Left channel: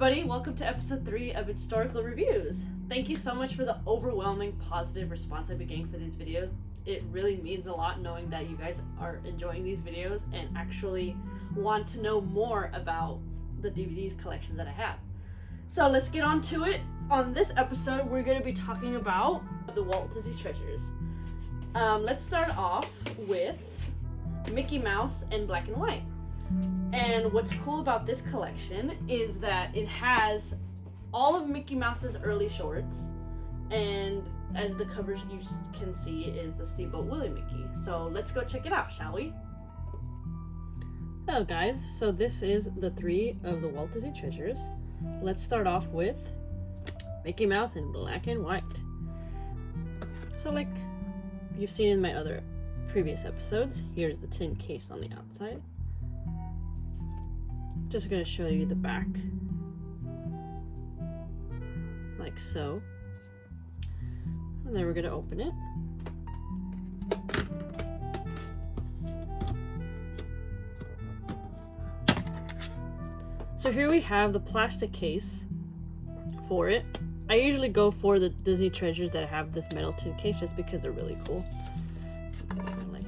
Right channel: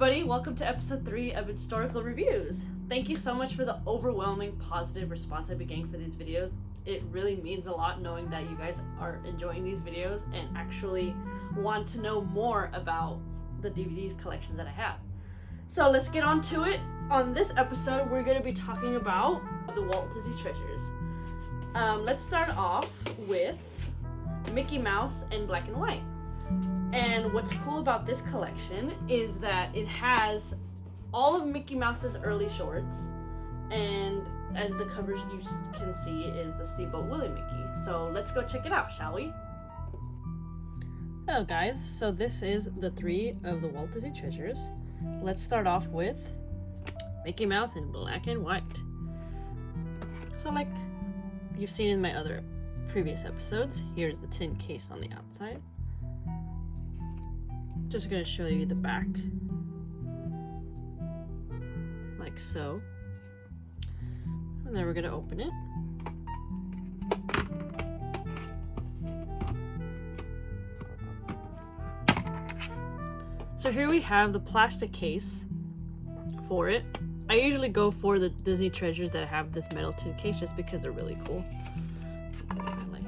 everybody, welcome to episode 3 of Vidstorical Reviews. Thank you so much for the overwhelming positive response I've been getting for these videos. It really means a lot knowing that you guys are enjoying these videos and actually want to know more about the DVDs collection that I have. So let's get on to it. On this episode, we're going to be talking about the Walt Disney Treasures. Let's start off with Mickey Mouse in black and white. And what's cool about this collection is that it has all of Mickey Mouse's early shorts, and as the covers you can see is the Steamboat Willie Mickey. So let's go check it out, shall we? Hello guys, so this is the 3 of the Walt Disney Treasures. Let's start off with Mickey Mouse in black and white. So like you've seen in my other previous episodes, here's the tin case on the outside. Just going to show you the back, like so, and then we're going to open it. So here we have the plastic case for it. I usually go for the Disney Treasures that have this metal tin case just because they're really cool. Like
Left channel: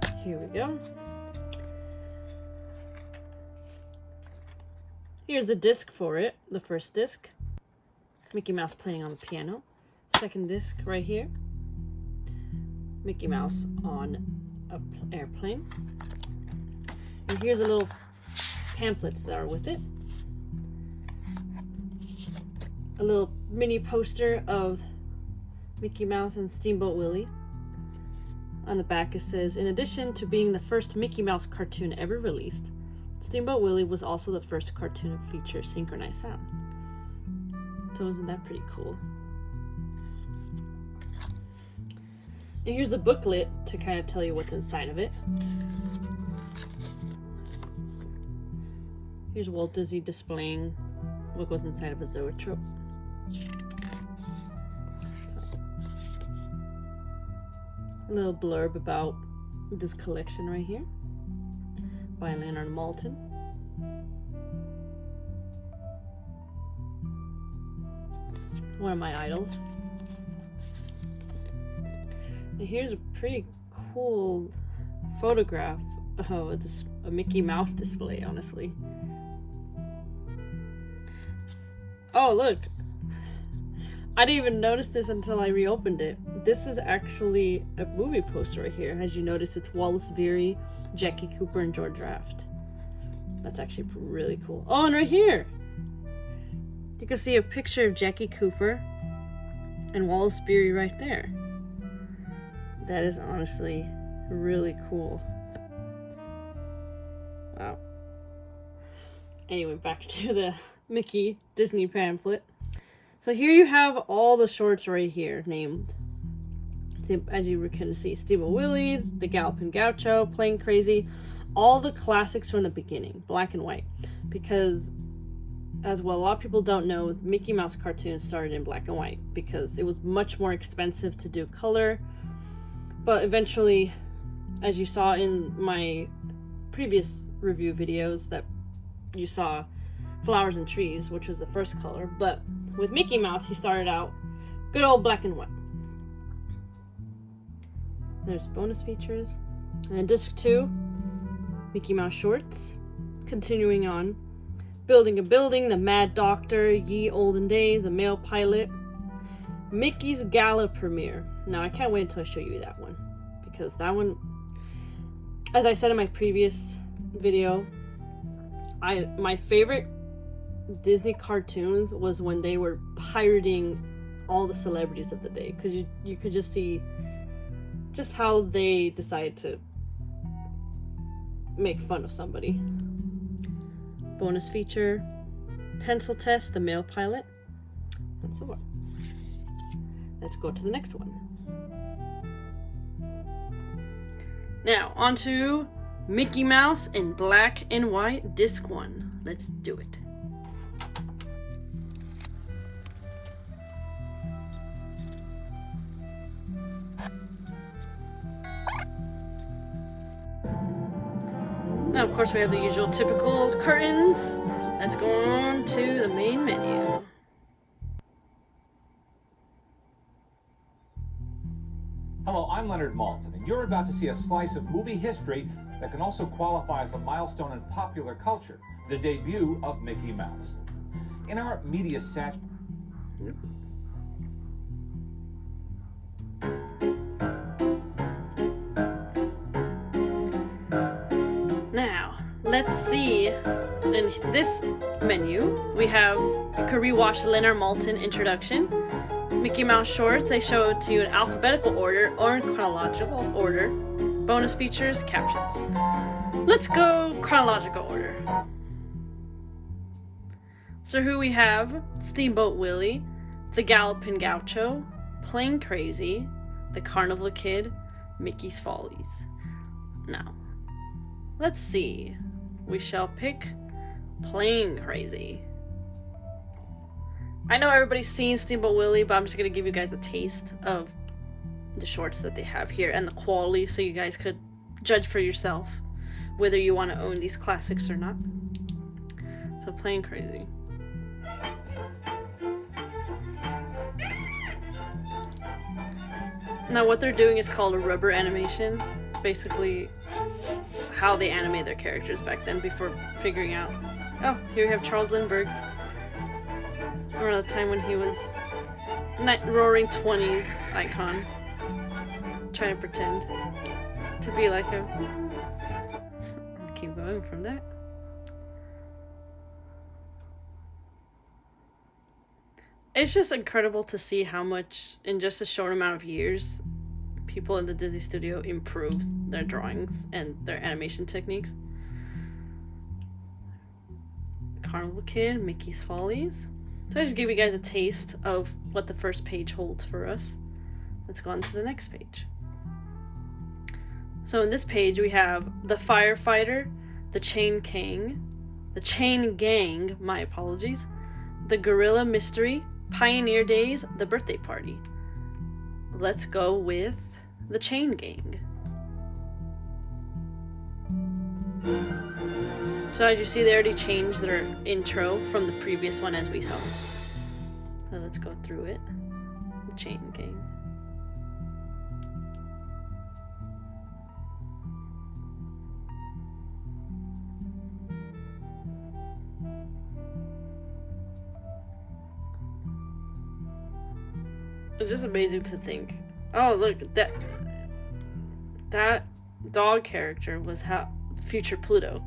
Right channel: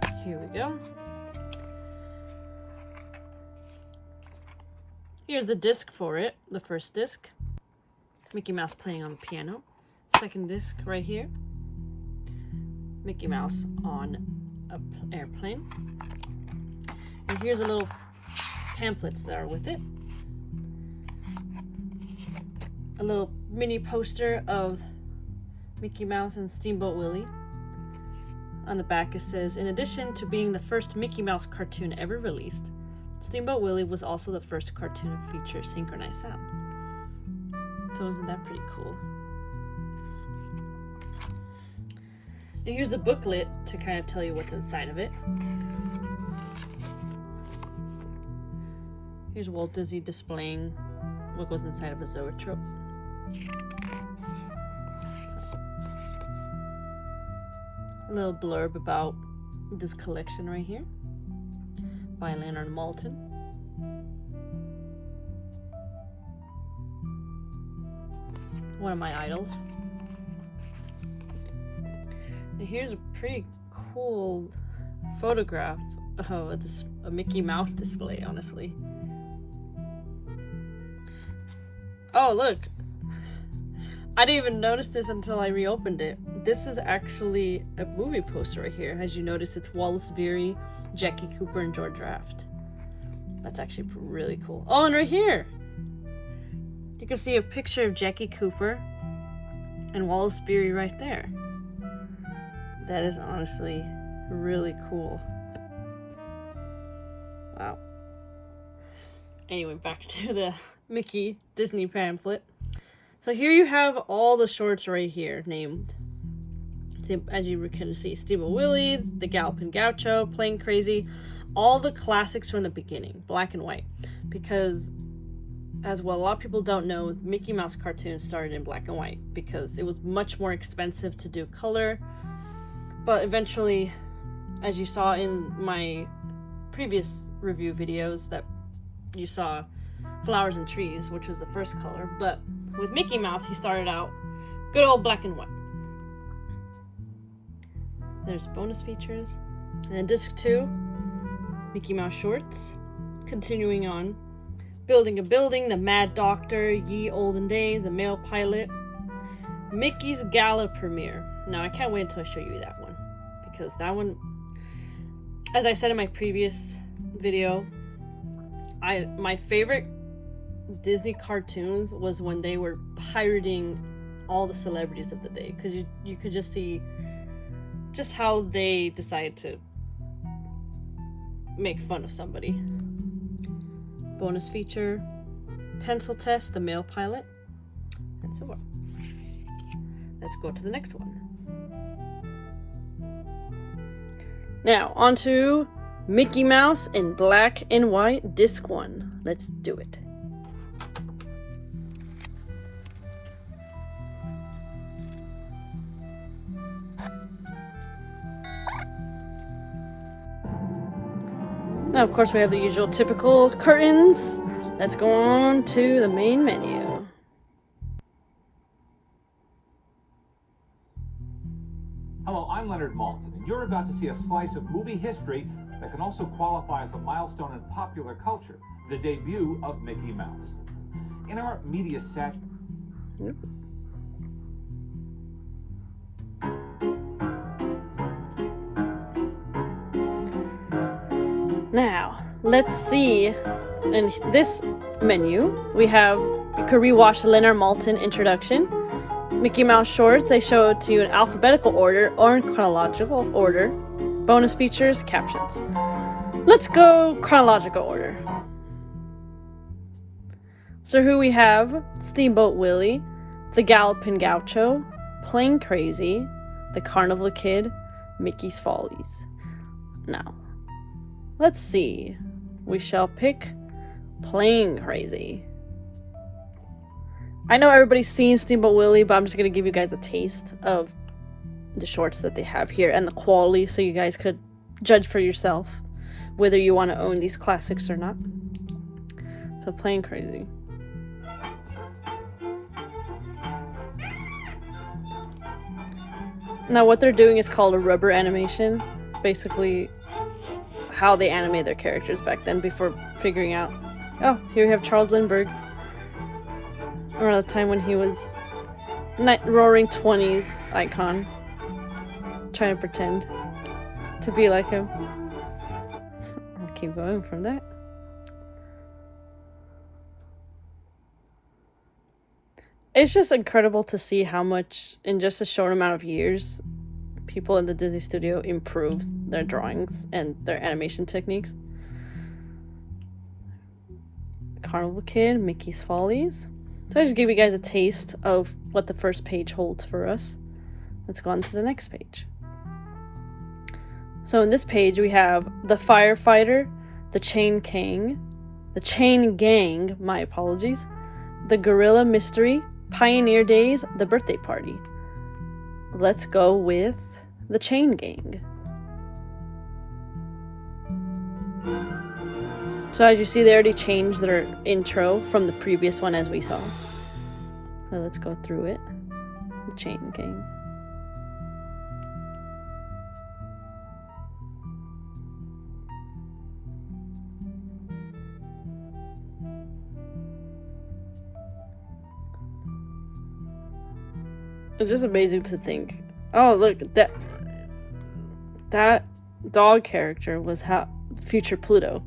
that. Here we go. Here's the disc for it, the first disc, Mickey Mouse playing on the piano. Second disc right here, Mickey Mouse on an airplane. And here's a little pamphlets that are with it. A little mini poster of Mickey Mouse and Steamboat Willie. On the back it says, in addition to being the first Mickey Mouse cartoon ever released, Steamboat Willie was also the first cartoon to feature synchronized sound. So isn't that pretty cool? And here's the booklet to kind of tell you what's inside of it. Here's Walt Disney displaying what goes inside of a zoetrope. A little blurb about this collection right here by Leonardmaltin. One of my idols. And here's a pretty cool photograph of a Mickey Mouse display, honestly. Oh, look! I didn't even notice this until I reopened it. This is actually a movie poster right here. As you notice, it's Wallace Beery, Jackie Cooper, and George Raft. That's actually really cool. Oh, and right here! You can see a picture of Jackie Cooper and Wallace Beery right there. That is honestly really cool. Wow. Anyway, back to the Mickey Disney pamphlet. So here you have all the shorts right here named. As you can see, Steamboat Willie, The Galloping Gaucho, Playing Crazy, all the classics from the beginning, black and white. Because, as well, a lot of people don't know, Mickey Mouse cartoons started in black and white because it was much more expensive to do color. But eventually, as you saw in my previous review videos, that you saw Flowers and Trees, which was the first color. But with Mickey Mouse, he started out good old black and white. There's bonus features. And then disc 2, Mickey Mouse shorts. Continuing on, Building a Building, The Mad Doctor, Ye Olden Days, The Male Pilot, Mickey's Gala Premiere. Now I can't wait until I show you that one, because that one, as I said in my previous video, my favorite Disney cartoons was when they were pirating all the celebrities of the day, because you could just see just how they decide to make fun of somebody. Bonus feature, Pencil Test, The Male Pilot, and so on. Let's go to the next one. Now, on to Mickey Mouse in black and white, disc 1. Let's do it. Now, of course, we have the usual typical curtains. Let's go on to the main menu. Hello, I'm Leonardmaltin, and you're about to see a slice of movie history that can also qualify as a milestone in popular culture, the debut of Mickey Mouse. In our media set... Now, let's see. In this menu, we have, you could rewatch the Leonardmaltin introduction. Mickey Mouse shorts, they show it to you in alphabetical order or in chronological order. Bonus features, captions. Let's go chronological order. So who we have? Steamboat Willie, the Gallopin' Gaucho, Plain Crazy, the Carnival Kid, Mickey's Follies. Now, let's see. We shall pick Plain Crazy. I know everybody's seen Steamboat Willie, but I'm just going to give you guys a taste of the shorts that they have here and the quality so you guys could judge for yourself whether you want to own these classics or not. So, Plain Crazy. Now, what they're doing is called a rubber animation. It's basically how they animate their characters back then before figuring out, oh, here we have Charles Lindbergh. Around the time when he was roaring 20s icon, trying to pretend to be like him. I'll keep going from that. It's just incredible to see how much, in just a short amount of years, people in the Disney studio improved their drawings and their animation techniques. Carnival Kid, Mickey's Follies. So I just gave you guys a taste of what the first page holds for us. Let's go on to the next page. So in this page we have the Firefighter, the Chain Gang, my apologies, the Gorilla Mystery, Pioneer Days, the Birthday Party. Let's go with the Chain Gang. So as you see, they already changed their intro from the previous one as we saw. So let's go through it. The Chain Gang. It's just amazing to think. Oh, look, that dog character was future Pluto.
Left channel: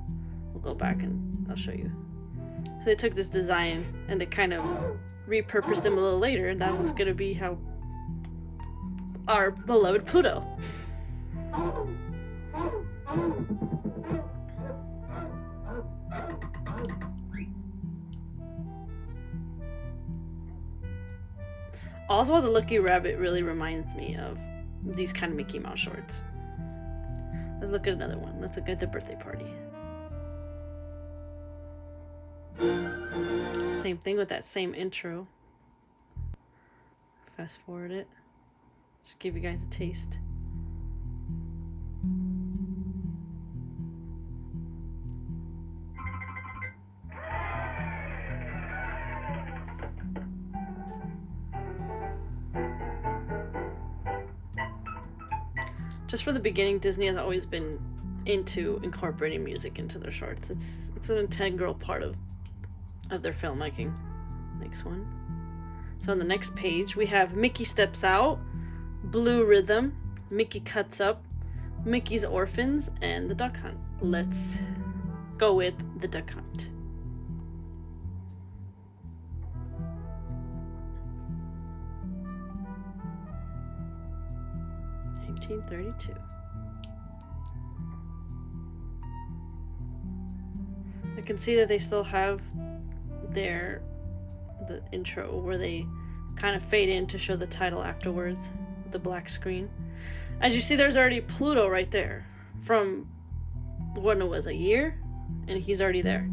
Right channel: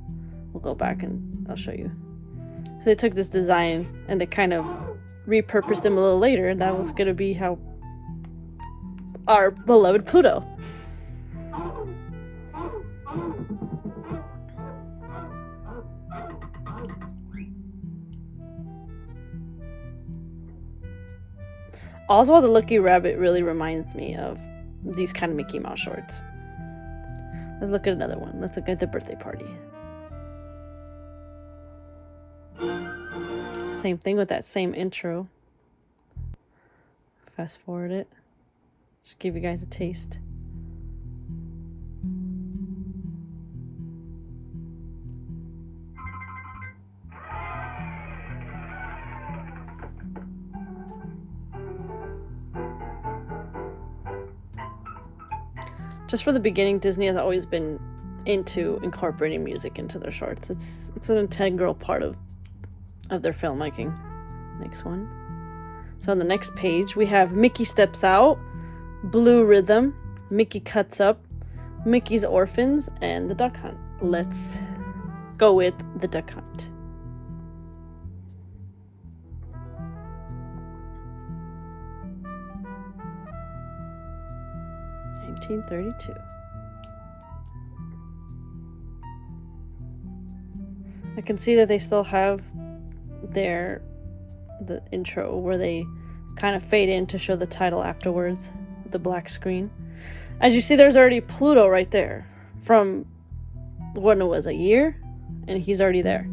We'll go back and I'll show you. So they took this design and they kind of repurposed him a little later, and that was going to be how our beloved Pluto. Oswald the Lucky Rabbit really reminds me of these kind of Mickey Mouse shorts. Let's look at another one. Let's look at the Birthday Party. Same thing with that same intro. Fast forward it. Just give you guys a taste. Just for the beginning, Disney has always been into incorporating music into their shorts. It's an integral part of their filmmaking. Next one. So on the next page, we have Mickey Steps Out, Blue Rhythm, Mickey Cuts Up, Mickey's Orphans, and the Duck Hunt. Let's go with the Duck Hunt. (1932). I can see that they still have the intro where they kind of fade in to show the title afterwards with the black screen. As you see, there's already Pluto right there from when it was a year, and he's already there.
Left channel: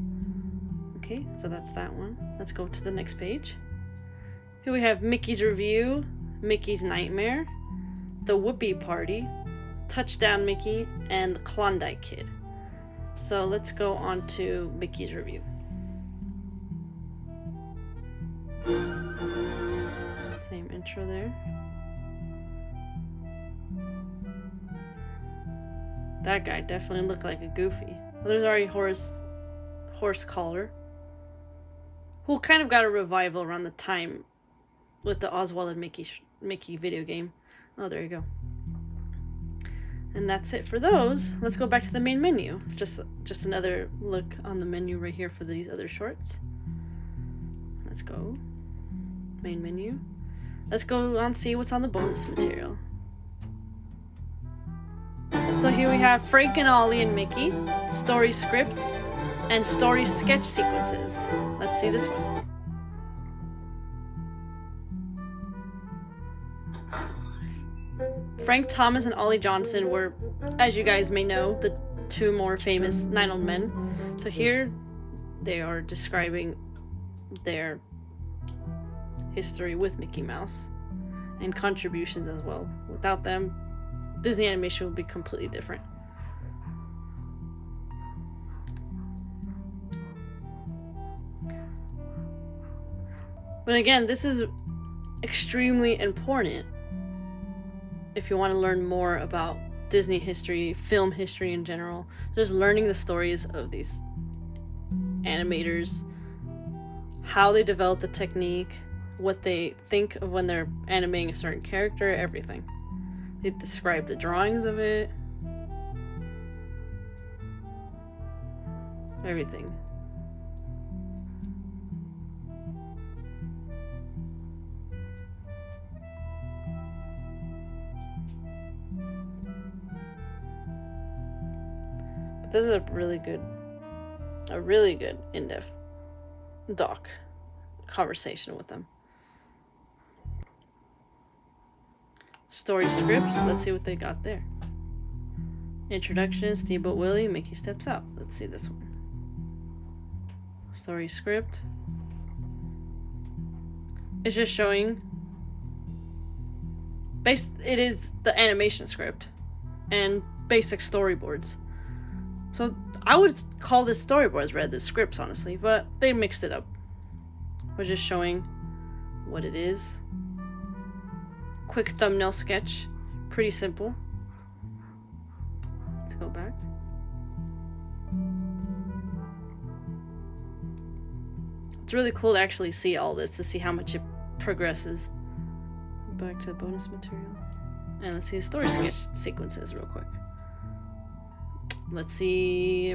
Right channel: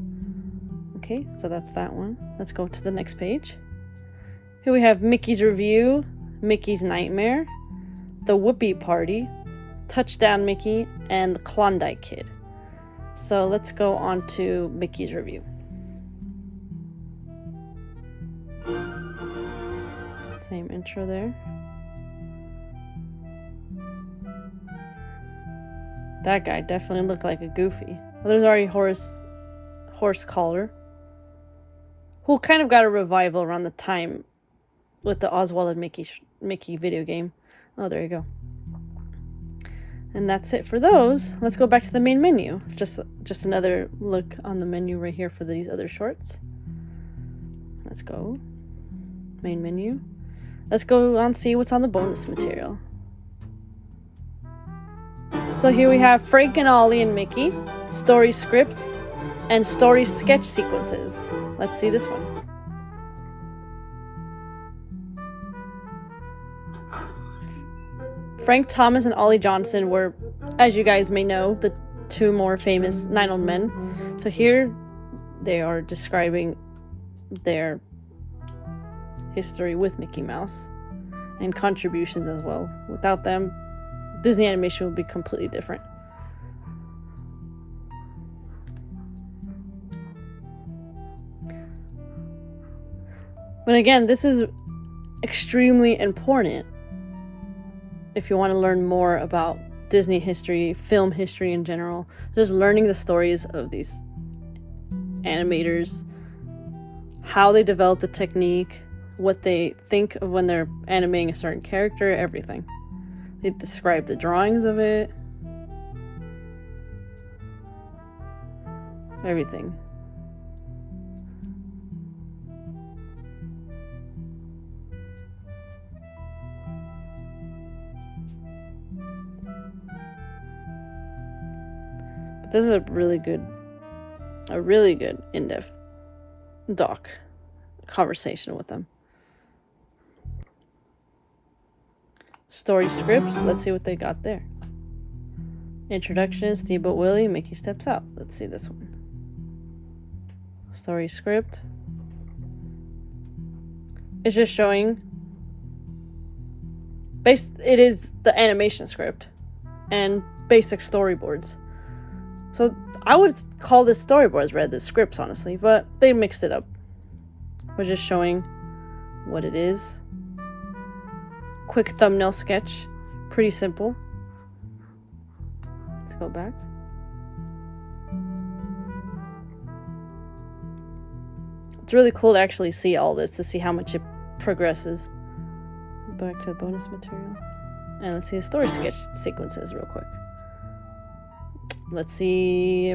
Okay, so that's that one. Let's go to the next page. Here we have Mickey's Review, Mickey's Nightmare, the Whoopee Party, Touchdown Mickey, and the Klondike Kid. So let's go on to Mickey's review. Same intro there. That guy definitely looked like a Goofy. Well, there's already Horse Collar, who kind of got a revival around the time with the Oswald and Mickey video game. Oh, there you go. And that's it for those. Let's go back to the main menu. Just another look on the menu right here for these other shorts. Let's go. Main menu. Let's go on see what's on the bonus material. So here we have Frank and Ollie and Mickey, story scripts, and story sketch sequences. Let's see this one. Frank Thomas and Ollie Johnson were, as you guys may know, the two more famous Nine-Old Men. So here they are describing their history with Mickey Mouse and contributions as well. Without them, Disney animation would be completely different. But again, this is extremely important if you want to learn more about Disney history, film history in general. Just learning the stories of these animators, how they develop the technique, what they think of when they're animating a certain character, everything. They describe the drawings of it, everything. But this is a really good in-depth doc conversation with them. Story scripts, let's see what they got there. Introduction, Steamboat Willie, Mickey steps out. Let's see this one. Story script. It's just showing, it is the animation script and basic storyboards. So I would call this storyboards rather than scripts, honestly, but they mixed it up. We're just showing what it is. Quick thumbnail sketch, pretty simple. Let's go back. It's really cool to actually see all this, to see how much it progresses. Back to the bonus material. And let's see the story sketch sequences real quick. Let's see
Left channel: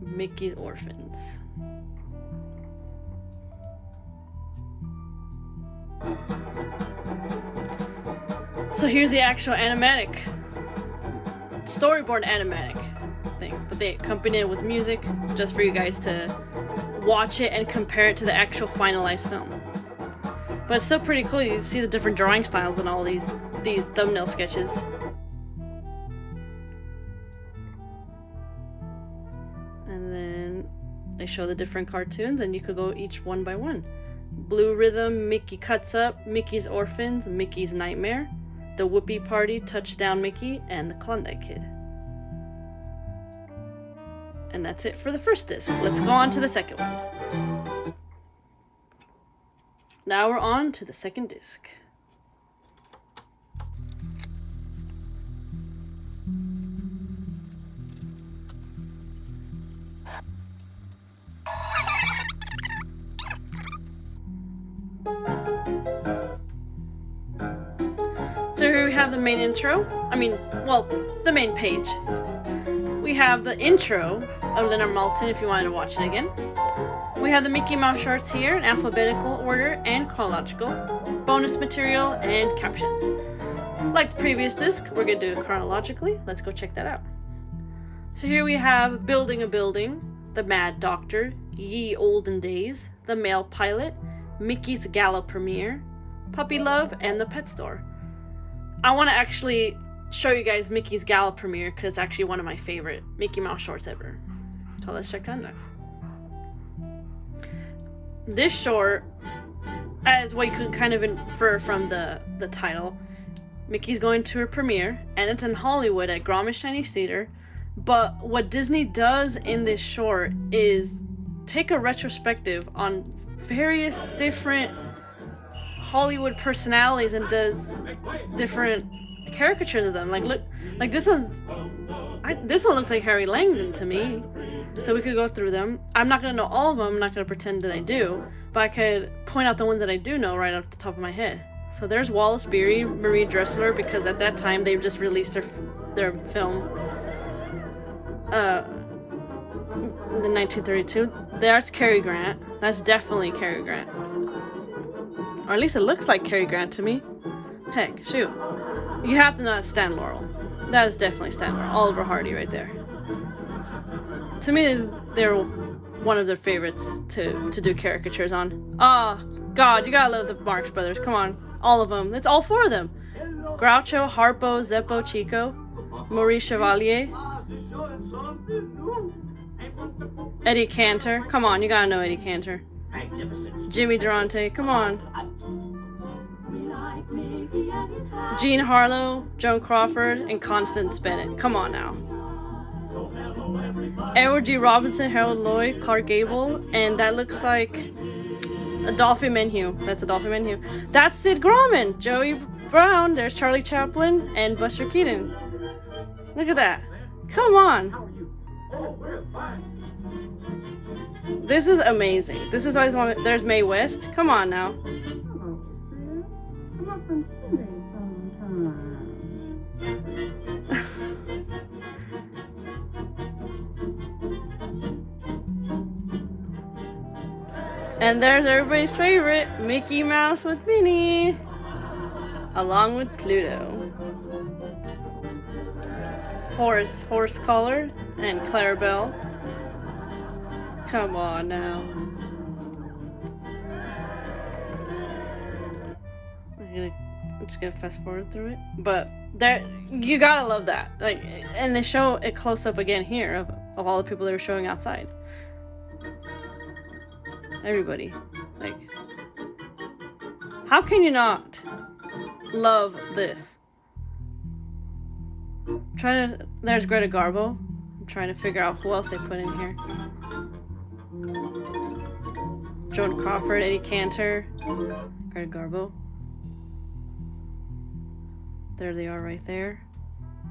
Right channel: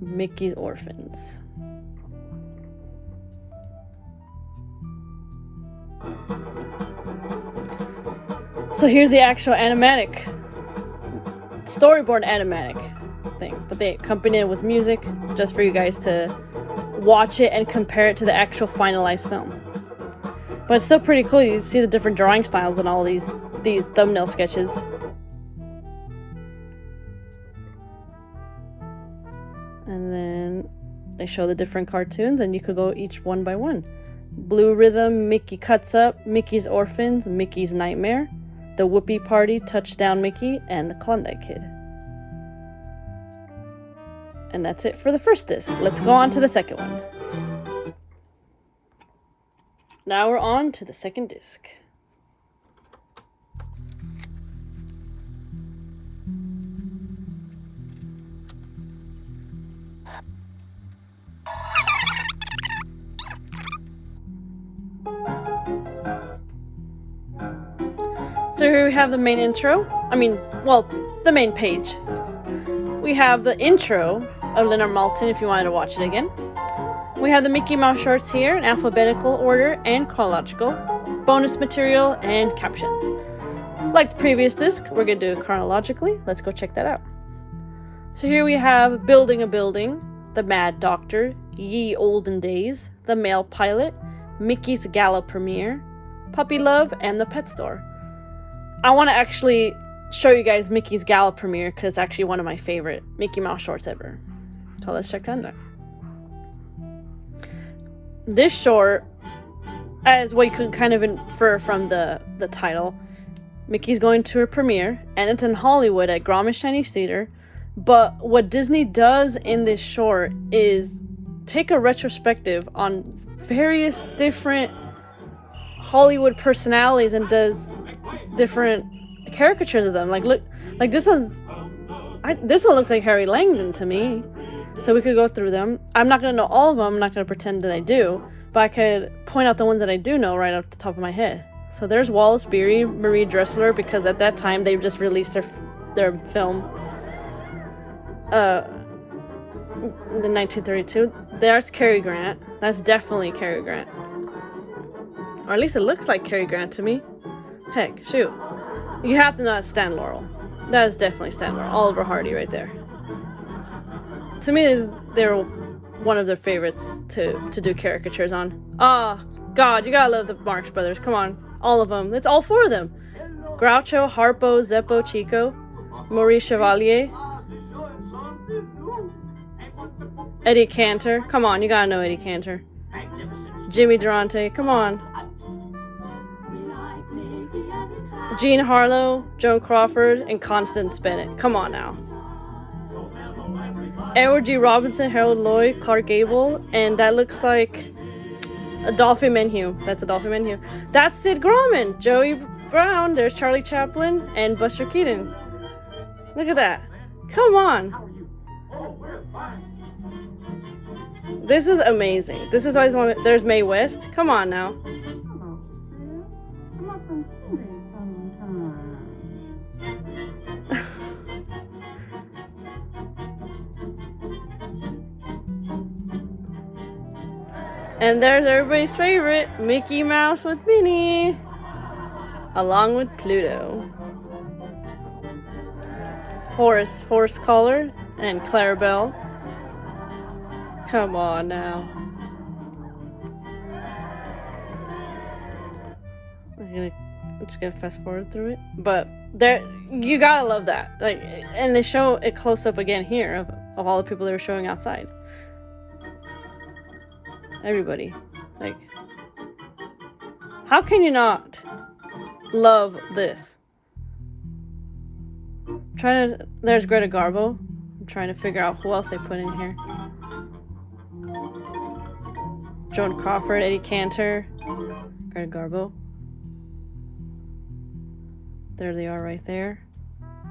Mickey's Orphans. So here's the actual animatic, storyboard animatic thing, but they accompany it with music just for you guys to watch it and compare it to the actual finalized film. But it's still pretty cool. You see the different drawing styles and all these thumbnail sketches. And then they show the different cartoons, and you could go each one by one. Blue Rhythm, Mickey Cuts Up, Mickey's Orphans, Mickey's Nightmare, The Whoopie Party, Touchdown Mickey, and The Klondike Kid. And that's it for the first disc. Let's go on to the second one. Now we're on to the second disc. So here we have the main intro. The main page. We have the intro of Leonardmaltin if you wanted to watch it again. We have the Mickey Mouse shorts here in alphabetical order and chronological, bonus material, and captions. Like the previous disc, we're going to do it chronologically. Let's go check that out. So here we have Building a Building, The Mad Doctor, Ye Olden Days, The Male Pilot, Mickey's Gala Premiere, Puppy Love, and The Pet Store. I want to actually show you guys Mickey's Gala Premiere because it's actually one of my favorite Mickey Mouse shorts ever. So let's check that out. This short, as what you could kind of infer from the title, Mickey's going to her premiere, and it's in Hollywood at Graumanschinesetheater, But what Disney does in this short is take a retrospective on various different Hollywood personalities and does different caricatures of them. Like, look, like this one looks like Harry Langdon to me. So we could go through them. I'm not gonna know all of them. I'm not gonna pretend that I do, but I could point out the ones that I do know right off the top of my head. So there's Wallace Beery, Marie Dressler, because at that time they just released their film in 1932. That's Cary Grant. That's definitely Cary Grant. Or at least it looks like Cary Grant to me. Heck, shoot. You have to know that's Stan Laurel. That is definitely Stan Laurel. Oliver Hardy right there. To me, they're one of their favorites to do caricatures on. Oh, God, you gotta love the Marxbrothers. Come on. All of them. It's all four of them. Groucho, Harpo, Zeppo, Chico, Maurice Chevalier, Eddie Cantor. Come on, you gotta know Eddie Cantor. Jimmy Durante. Come on. Jeanharlow, Joancrawford, and Constance Bennett. Come on now. Edward G. Robinson, Harold Lloyd, Clark Gable, and that looks like Adolphe Menhue. That's Adolphe Menhue. That's Sid Grauman, Joey Brown. There's Charlie Chaplin and Buster Keaton. Look at that. Come on. This is amazing. This is why I just want. There's Maewest. Come on now. And there's everybody's favorite, Mickey Mouse with Minnie, along with Pluto. Horace Collar, and Clarabelle. Come on now. I'm just gonna fast forward through it, but there, you gotta love that. Like, and they show it close up again here of all the people they were showing outside. Everybody, like, how can you not love this? There's Greta Garbo. I'm trying to figure out who else they put in here. Joan Crawford, Eddie Cantor, Greta Garbo. There they are right there,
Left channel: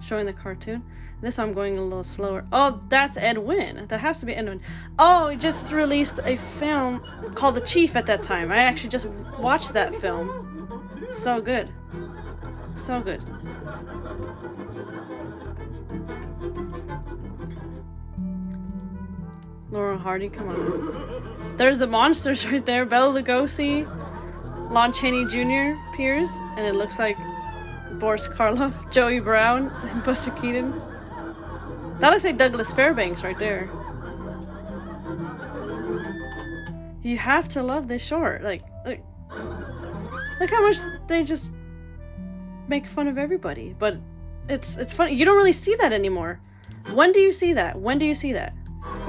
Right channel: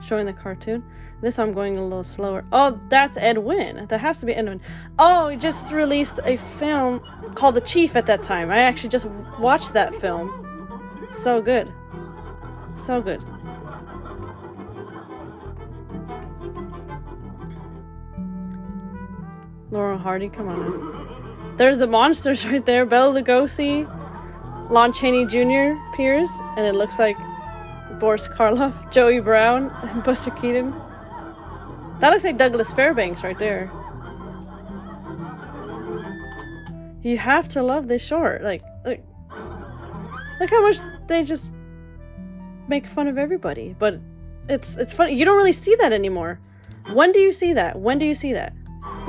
showing the cartoon. This I'm going a little slower. Oh, that's Ed Wynn. That has to be Ed Wynn. Oh, he just released a film called The Chief at that time. I actually just watched that film. So good. So good. Laurel Hardy, come on now. There's the monsters right there. Bela Lugosi, Lon Chaney Jr. appears, and it looks like Boris Karloff, Joey Brown, and Buster Keaton. That looks like Douglas Fairbanks right there. You have to love this short. Like, look how much they just make fun of everybody. But it's funny. You don't really see that anymore. When do you see that? When do you see that?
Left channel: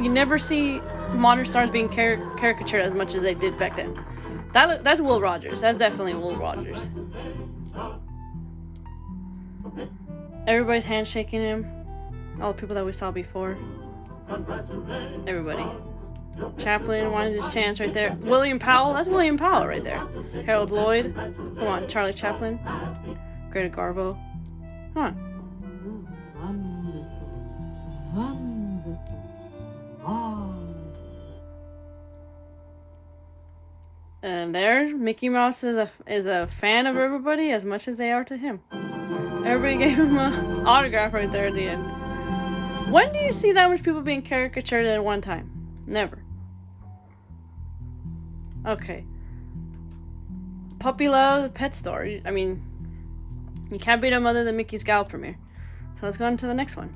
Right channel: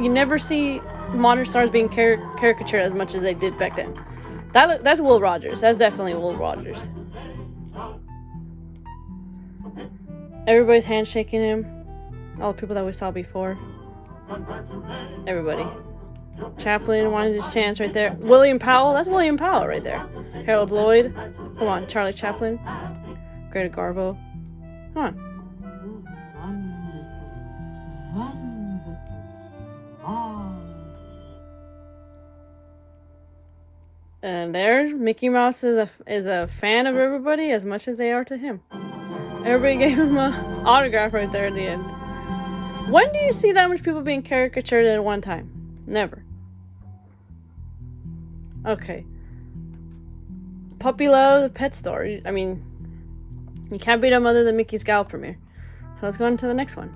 You never see modern stars being caricatured as much as they did back then. That's Will Rogers. That's definitely Will Rogers. Everybody's handshaking him. All the people that we saw before. Everybody. Chaplin wanted his chance right there. William Powell. That's William Powell right there. Harold Lloyd. Come on. Charlie Chaplin. Greta Garbo. Come on. And there, Mickey Mouse is a fan of everybody as much as they are to him. Everybody gave him an autograph right there at the end. When do you see that much people being caricatured at one time? Never. Okay. Puppy Love, the pet store. I mean, you can't beat them other than Mickey's Gal premiere. So let's go on to the next one.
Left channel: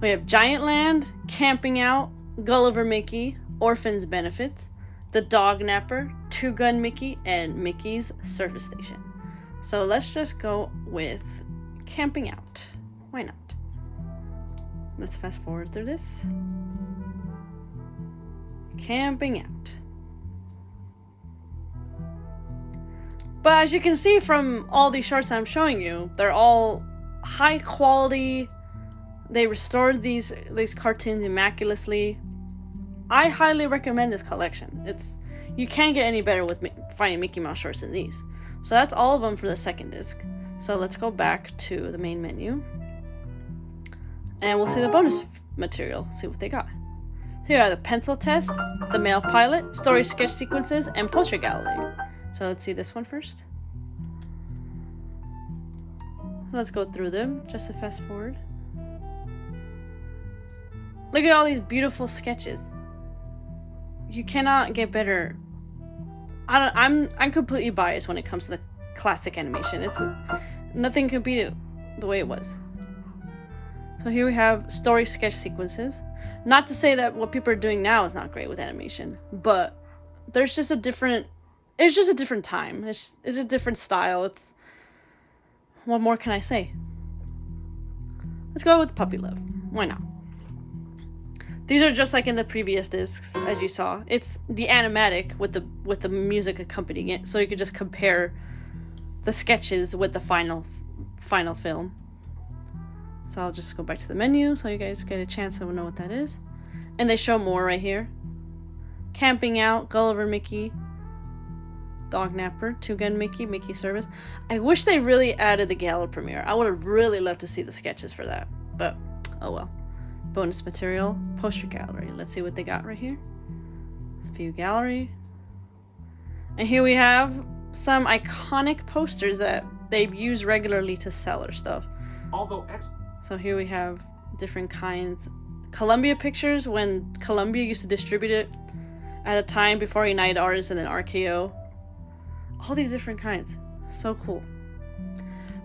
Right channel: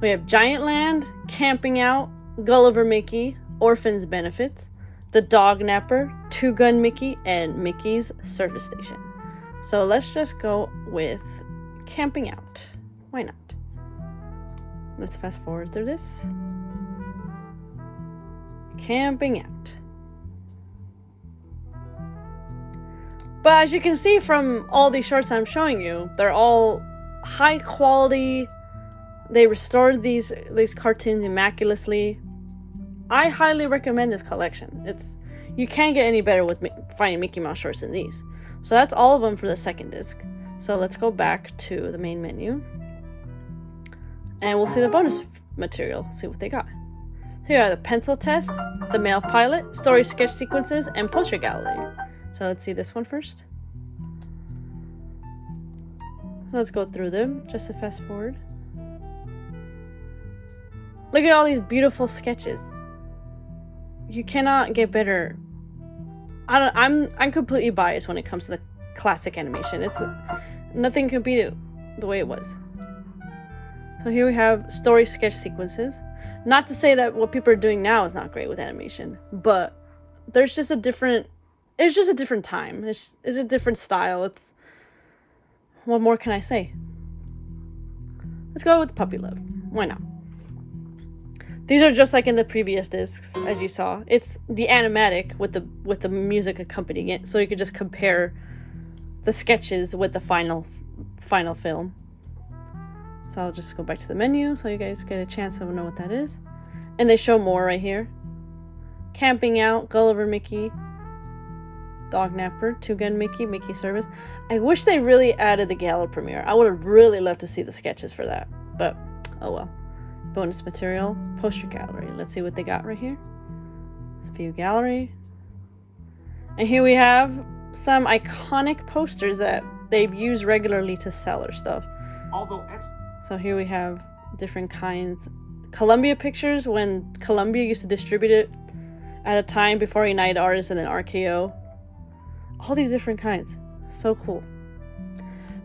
We have Giantland, Camping Out, Gulliver Mickey, Orphans Benefits, The Dog Napper, Two Gun Mickey, and Mickey's Surface Station. So let's just go with Camping Out. Why not? Let's fast forward through this. Camping Out. But as you can see from all these shorts I'm showing you, they're all high quality, They restored these cartoons immaculately. I highly recommend this collection. You can't get any better with finding Mickey Mouse shorts than these. So that's all of them for the second disc. So let's go back to the main menu. And we'll see the bonus material, see what they got. So you have the pencil test, the male pilot, story sketch sequences, and poster gallery. So let's see this one first. Let's go through them, just to fast forward. Look at all these beautiful sketches. You cannot get better. I'm completely biased when it comes to the classic animation. Nothing can beat it the way it was. So here we have story sketch sequences. Not to say that what people are doing now is not great with animation, but it's just a different time. It's a different style. What more can I say? Let's go with Puppy Love. Why not? These are just like in the previous discs, as you saw. It's the animatic with the music accompanying it, so you could just compare the sketches with the final film. So I'll just go back to the menu so you guys get a chance to know what that is. And they show more right here. Camping Out, Gulliver Mickey, Dog Napper, Two Gun Mickey, Mickey Service. I wish they really added the gala premiere. I would have really loved to see the sketches for that, but oh well. Bonus material, poster gallery. Let's see what they got right here. View gallery. And here we have some iconic posters that they've used regularly to sell their stuff. So here we have different kinds. Columbia Pictures, when Columbia used to distribute it at a time before United Artists and then RKO. All these different kinds. So cool.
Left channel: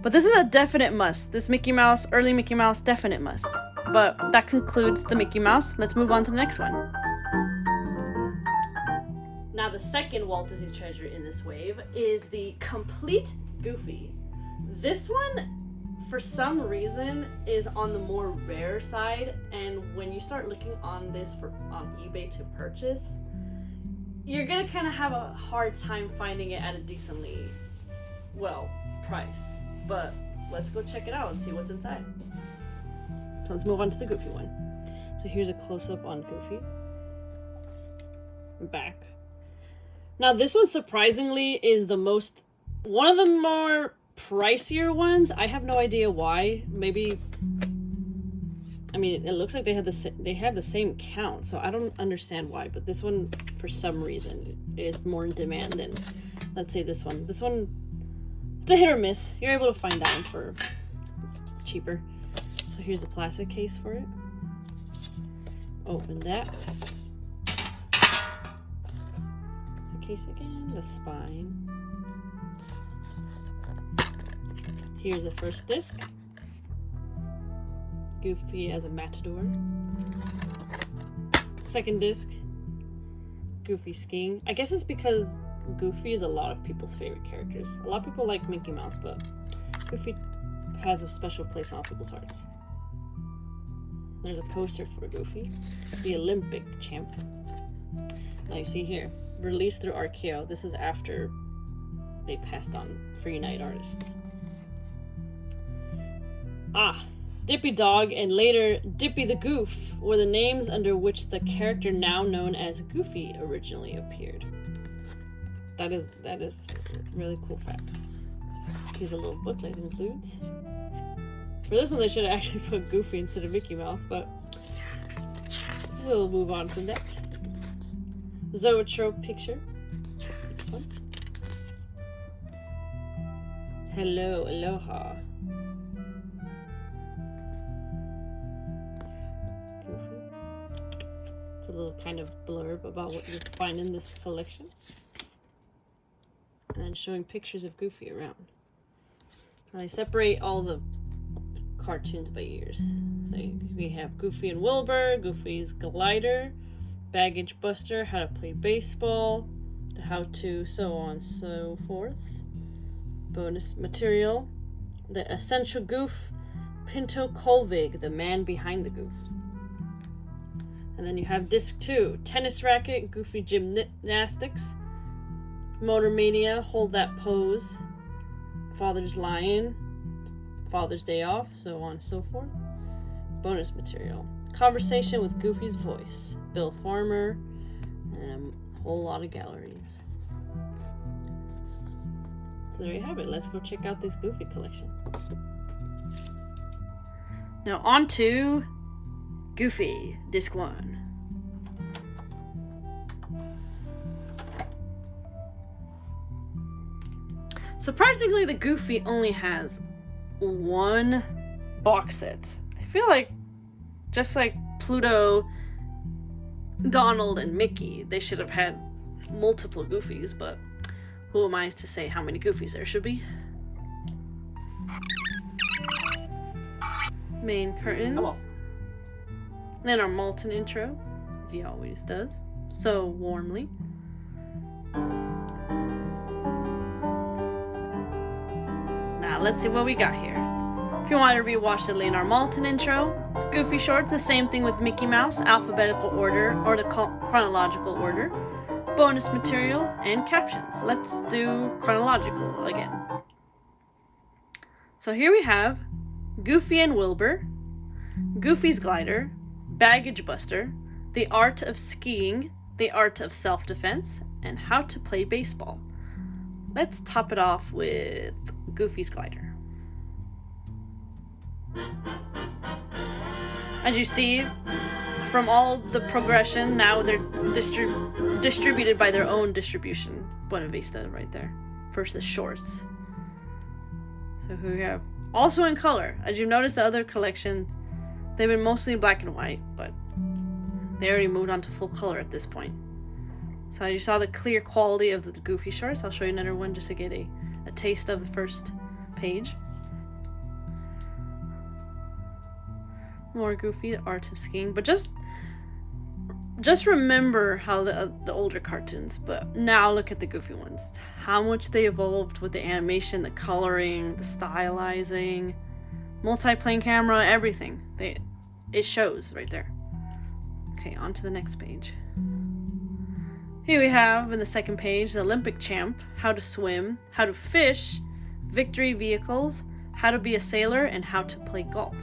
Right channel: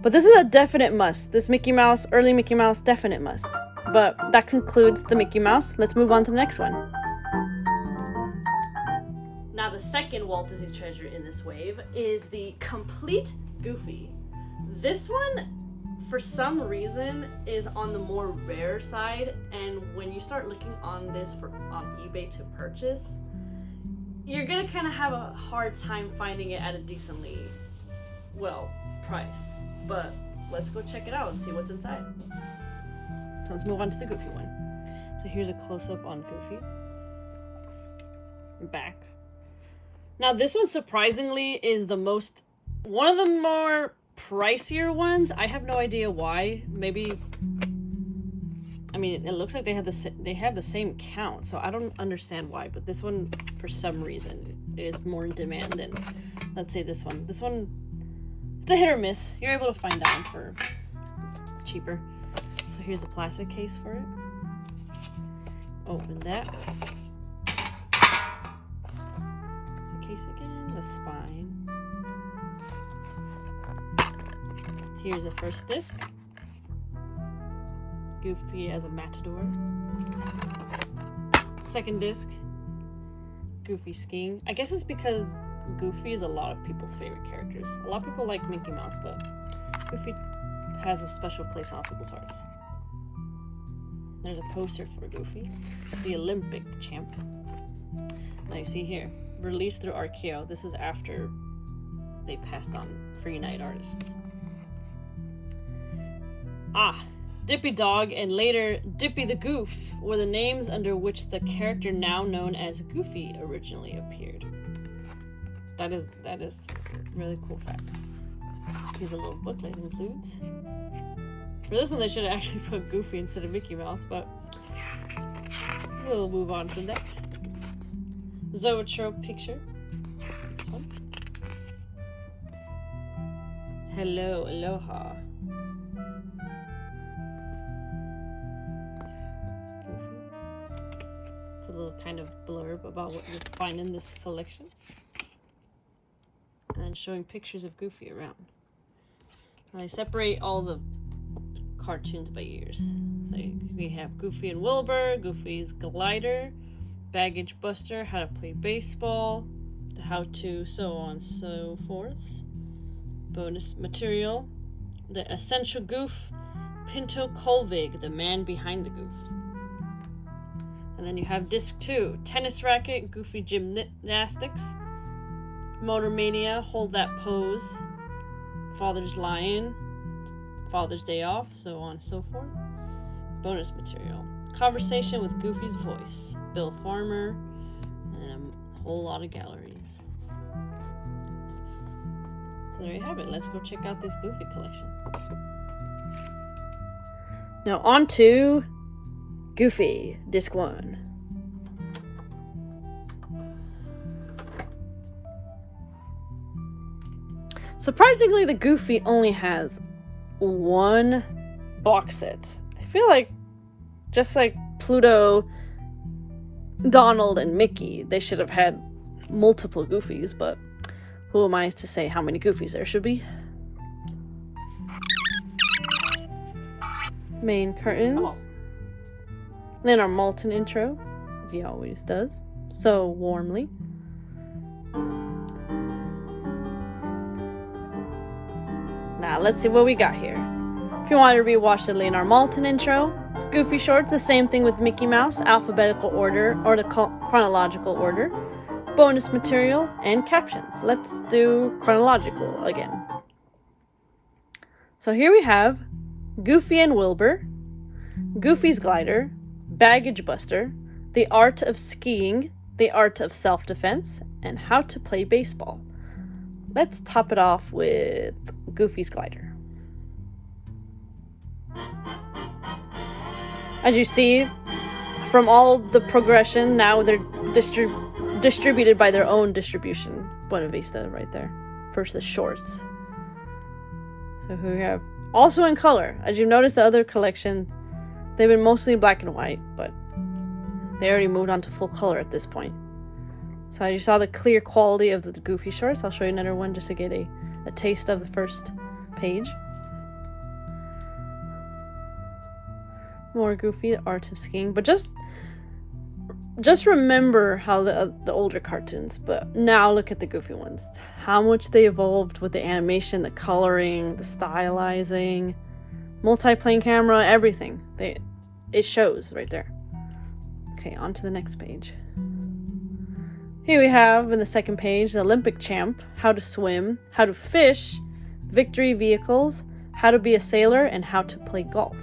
But this is a definite must. This Mickey Mouse, early Mickey Mouse, definite must. But that concludes the Mickey Mouse. Let's move on to the next one. Now the second Walt Disney treasure in this wave is the complete Goofy. This one, for some reason, is on the more rare side, and when you start looking on this on eBay to purchase, you're gonna kind of have a hard time finding it at a decently, price. But let's go check it out and see what's inside. So let's move on to the Goofy one. So here's a close-up on Goofy. Back. Now this one surprisingly is one of the more pricier ones. I have no idea why. Maybe, I mean, it looks like they have the same count, so I don't understand why. But this one, for some reason, is more in demand than, let's say, this one. This one, it's a hit or miss. You're able to find that one for cheaper. So here's the plastic case for it. Open that. It's the case again. The spine. Here's the first disc. Goofy as a matador. Second disc. Goofy skiing. I guess it's because Goofy is a lot of people's favorite characters. A lot of people like Mickey Mouse, but Goofy has a special place on people's hearts. There's a poster for Goofy, the Olympic champ. Now you see here, released through RKO. This is after they passed on for United Artists. Dippy Dog and later Dippy the Goof were the names under which the character now known as Goofy originally appeared. That is a really cool fact. Here's a little booklet it includes. For this one, they should have actually put Goofy instead of Mickey Mouse, but we'll move on from that. Zoetrope picture. This one. Hello, aloha. It's a little kind of blurb about what you'll find in this collection. And showing pictures of Goofy around. And I separate all the cartoons by years. So we have Goofy and Wilbur, Goofy's Glider, Baggage Buster, How to Play Baseball, the How To, so on and so forth. Bonus material, the Essential Goof, Pinto Colvig, the man behind the goof. And then you have disc 2, Tennis Racket, Goofy Gymnastics, Motor Mania, Hold That Pose, Father's Lion, Father's Day Off, so on and so forth. Bonus material. Conversation with Goofy's voice. Billfarmer. And a whole lot of galleries. So there you have it. Let's go check out this Goofy collection. Now on to Goofy, disc 1. Surprisingly, the Goofy only has one box set. I feel like, just like Pluto, Donald, and Mickey, they should have had multiple Goofies, but who am I to say how many Goofies there should be? Main curtains. Hello. Leonardmaltin intro, as he always does, so warmly. Now let's see what we got here. If you want to rewatch the Leonardmaltin intro, Goofy shorts, the same thing with Mickey Mouse, alphabetical order or the chronological order, bonus material, and captions. Let's do chronological again. So here we have Goofy and Wilbur, Goofy's glider, baggage buster, the art of skiing, the art of self-defense, and how to play baseball. Let's top it off with Goofy's glider. As you see, from all the progression, now they're distributed by their own distribution. Buena Vista right there. First the shorts. So here we have, also in color. As you've noticed, the other collections, they've been mostly black and white, but they already moved on to full color at this point. So you saw the clear quality of the Goofy shorts. I'll show you another one just to get a taste of the first page. More Goofy, the art of skiing. But just remember how the older cartoons, but now look at the Goofy ones. How much they evolved with the animation, the coloring, the stylizing, multi-plane camera, everything. It shows right there. Okay, on to the next page. Here we have, in the second page, the Olympic champ, how to swim, how to fish, victory vehicles, how to be a sailor, and how to play golf.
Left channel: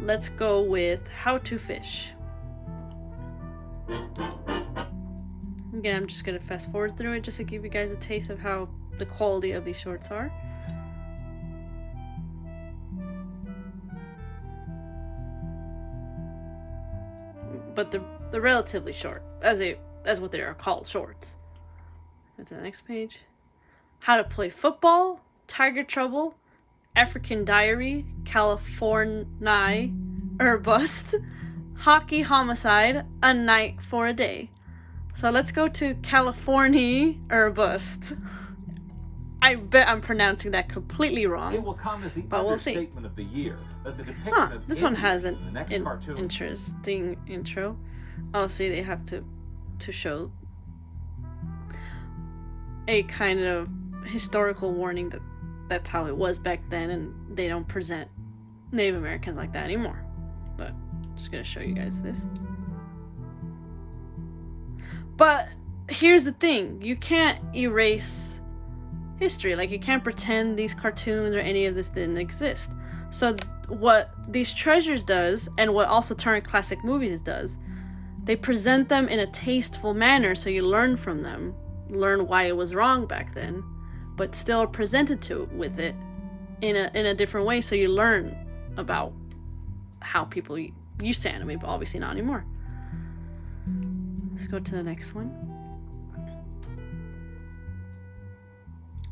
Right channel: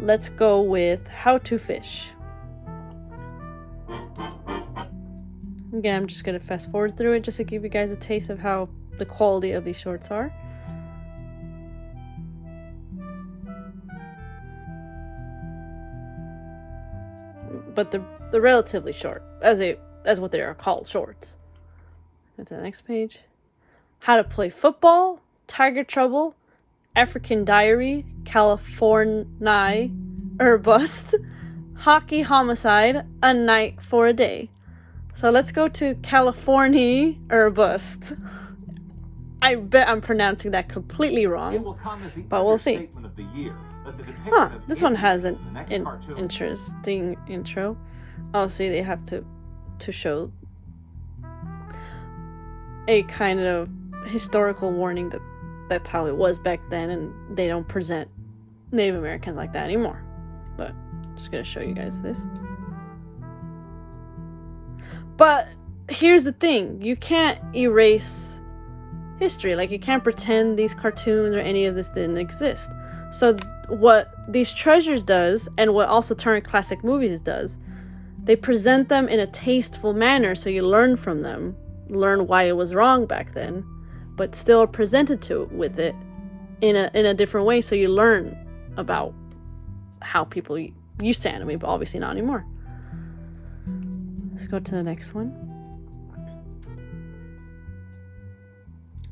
Let's go with how to fish. Again, I'm just going to fast forward through it just to give you guys a taste of how the quality of these shorts are. But they're relatively short, as what they are called, shorts. Go to the next page. How to play football, Tiger Trouble, African Diary, California or Bust, Hockey Homicide, A Night for a Day. So let's go to California or Bust. I bet I'm pronouncing that completely wrong, but we'll see. This one has an interesting intro. Oh, see, they have to show a kind of historical warning that that's how it was back then, and they don't present Native Americans like that anymore. But I'm just gonna show you guys this. But here's the thing, you can't erase history. Like, you can't pretend these cartoons or any of this didn't exist. So what these treasures does, and what also Turner Classic Movies does, they present them in a tasteful manner so you learn from them, learn why it was wrong back then, but still presented with it in a different way so you learn about how people used to animate, but obviously not anymore. Let's go to the next one.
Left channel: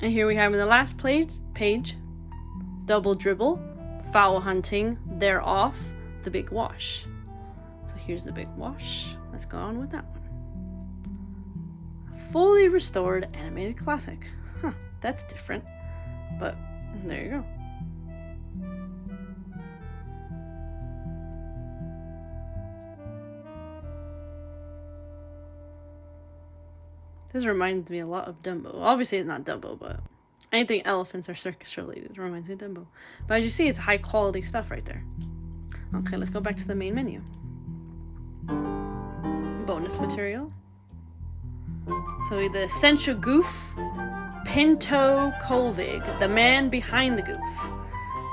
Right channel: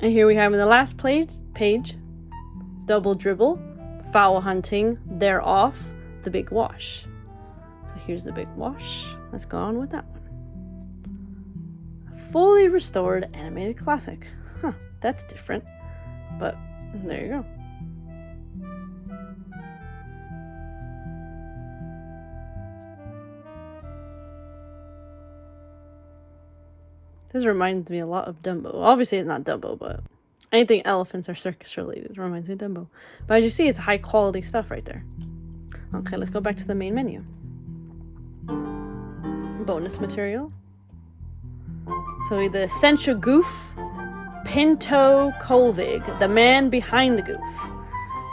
And here we have in the last page, Double Dribble, Foul Hunting, They're Off, The Big Wash. So here's The Big Wash. Let's go on with that one. A fully restored animated classic. Huh, that's different. But there you go. This reminds me a lot of Dumbo. Obviously, it's not Dumbo, but anything elephants or circus related reminds me of Dumbo. But as you see, it's high quality stuff right there. Okay, let's go back to the main menu. Bonus material. So the essential goof, Pinto Colvig, the man behind the goof.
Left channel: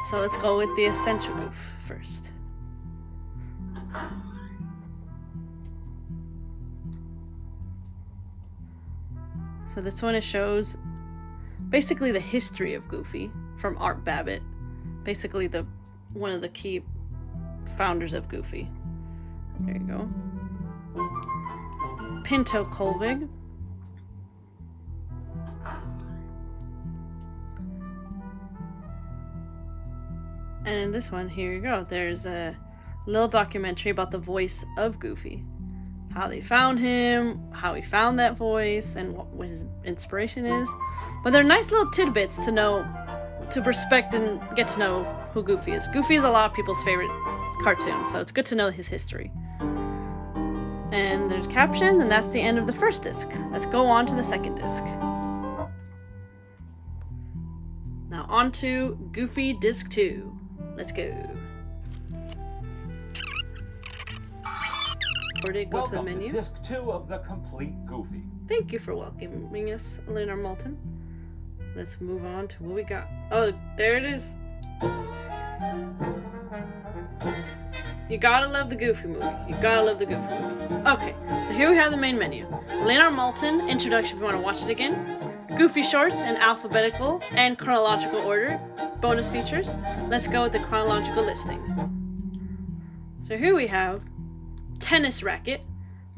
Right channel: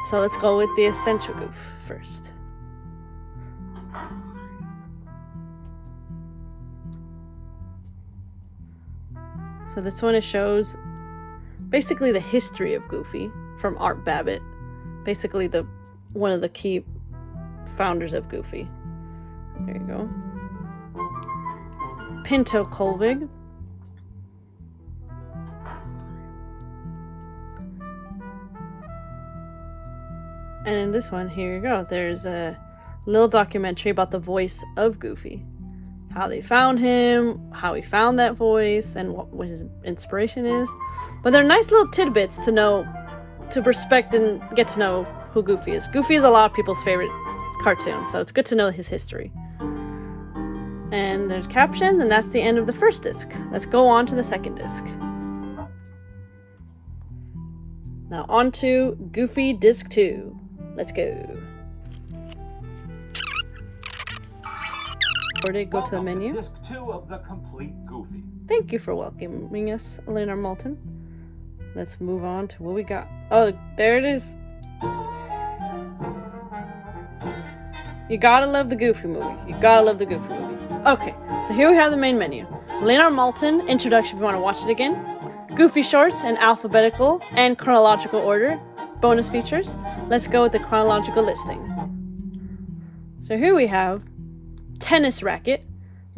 So let's go with the essential goof first. So this one, it shows basically the history of Goofy from Art Babbitt, basically one of the key founders of Goofy. There you go. Pinto Colvig. And in this one, here you go. There's a little documentary about the voice of Goofy. How they found him, how he found that voice, and what his inspiration is. But they're nice little tidbits to know, to respect and get to know who Goofy is. Goofy is a lot of people's favorite cartoon, so it's good to know his history. And there's captions, and that's the end of the first disc. Let's go on to the second disc. Now on to Goofy Disc 2. Let's go. Or did it go to the menu? Disc 2 of the complete Goofy. Thank you for welcoming us, Leonardmaltin. Let's move on to what we got. Oh, there it is. You gotta love the Goofy movie. You gotta love the Goofy movie. Okay, so here we have the main menu. Leonardmaltin introduction if you want to watch it again. Goofy shorts in alphabetical and chronological order. Bonus features. Let's go with the chronological listing. So here we have Tennis Racket,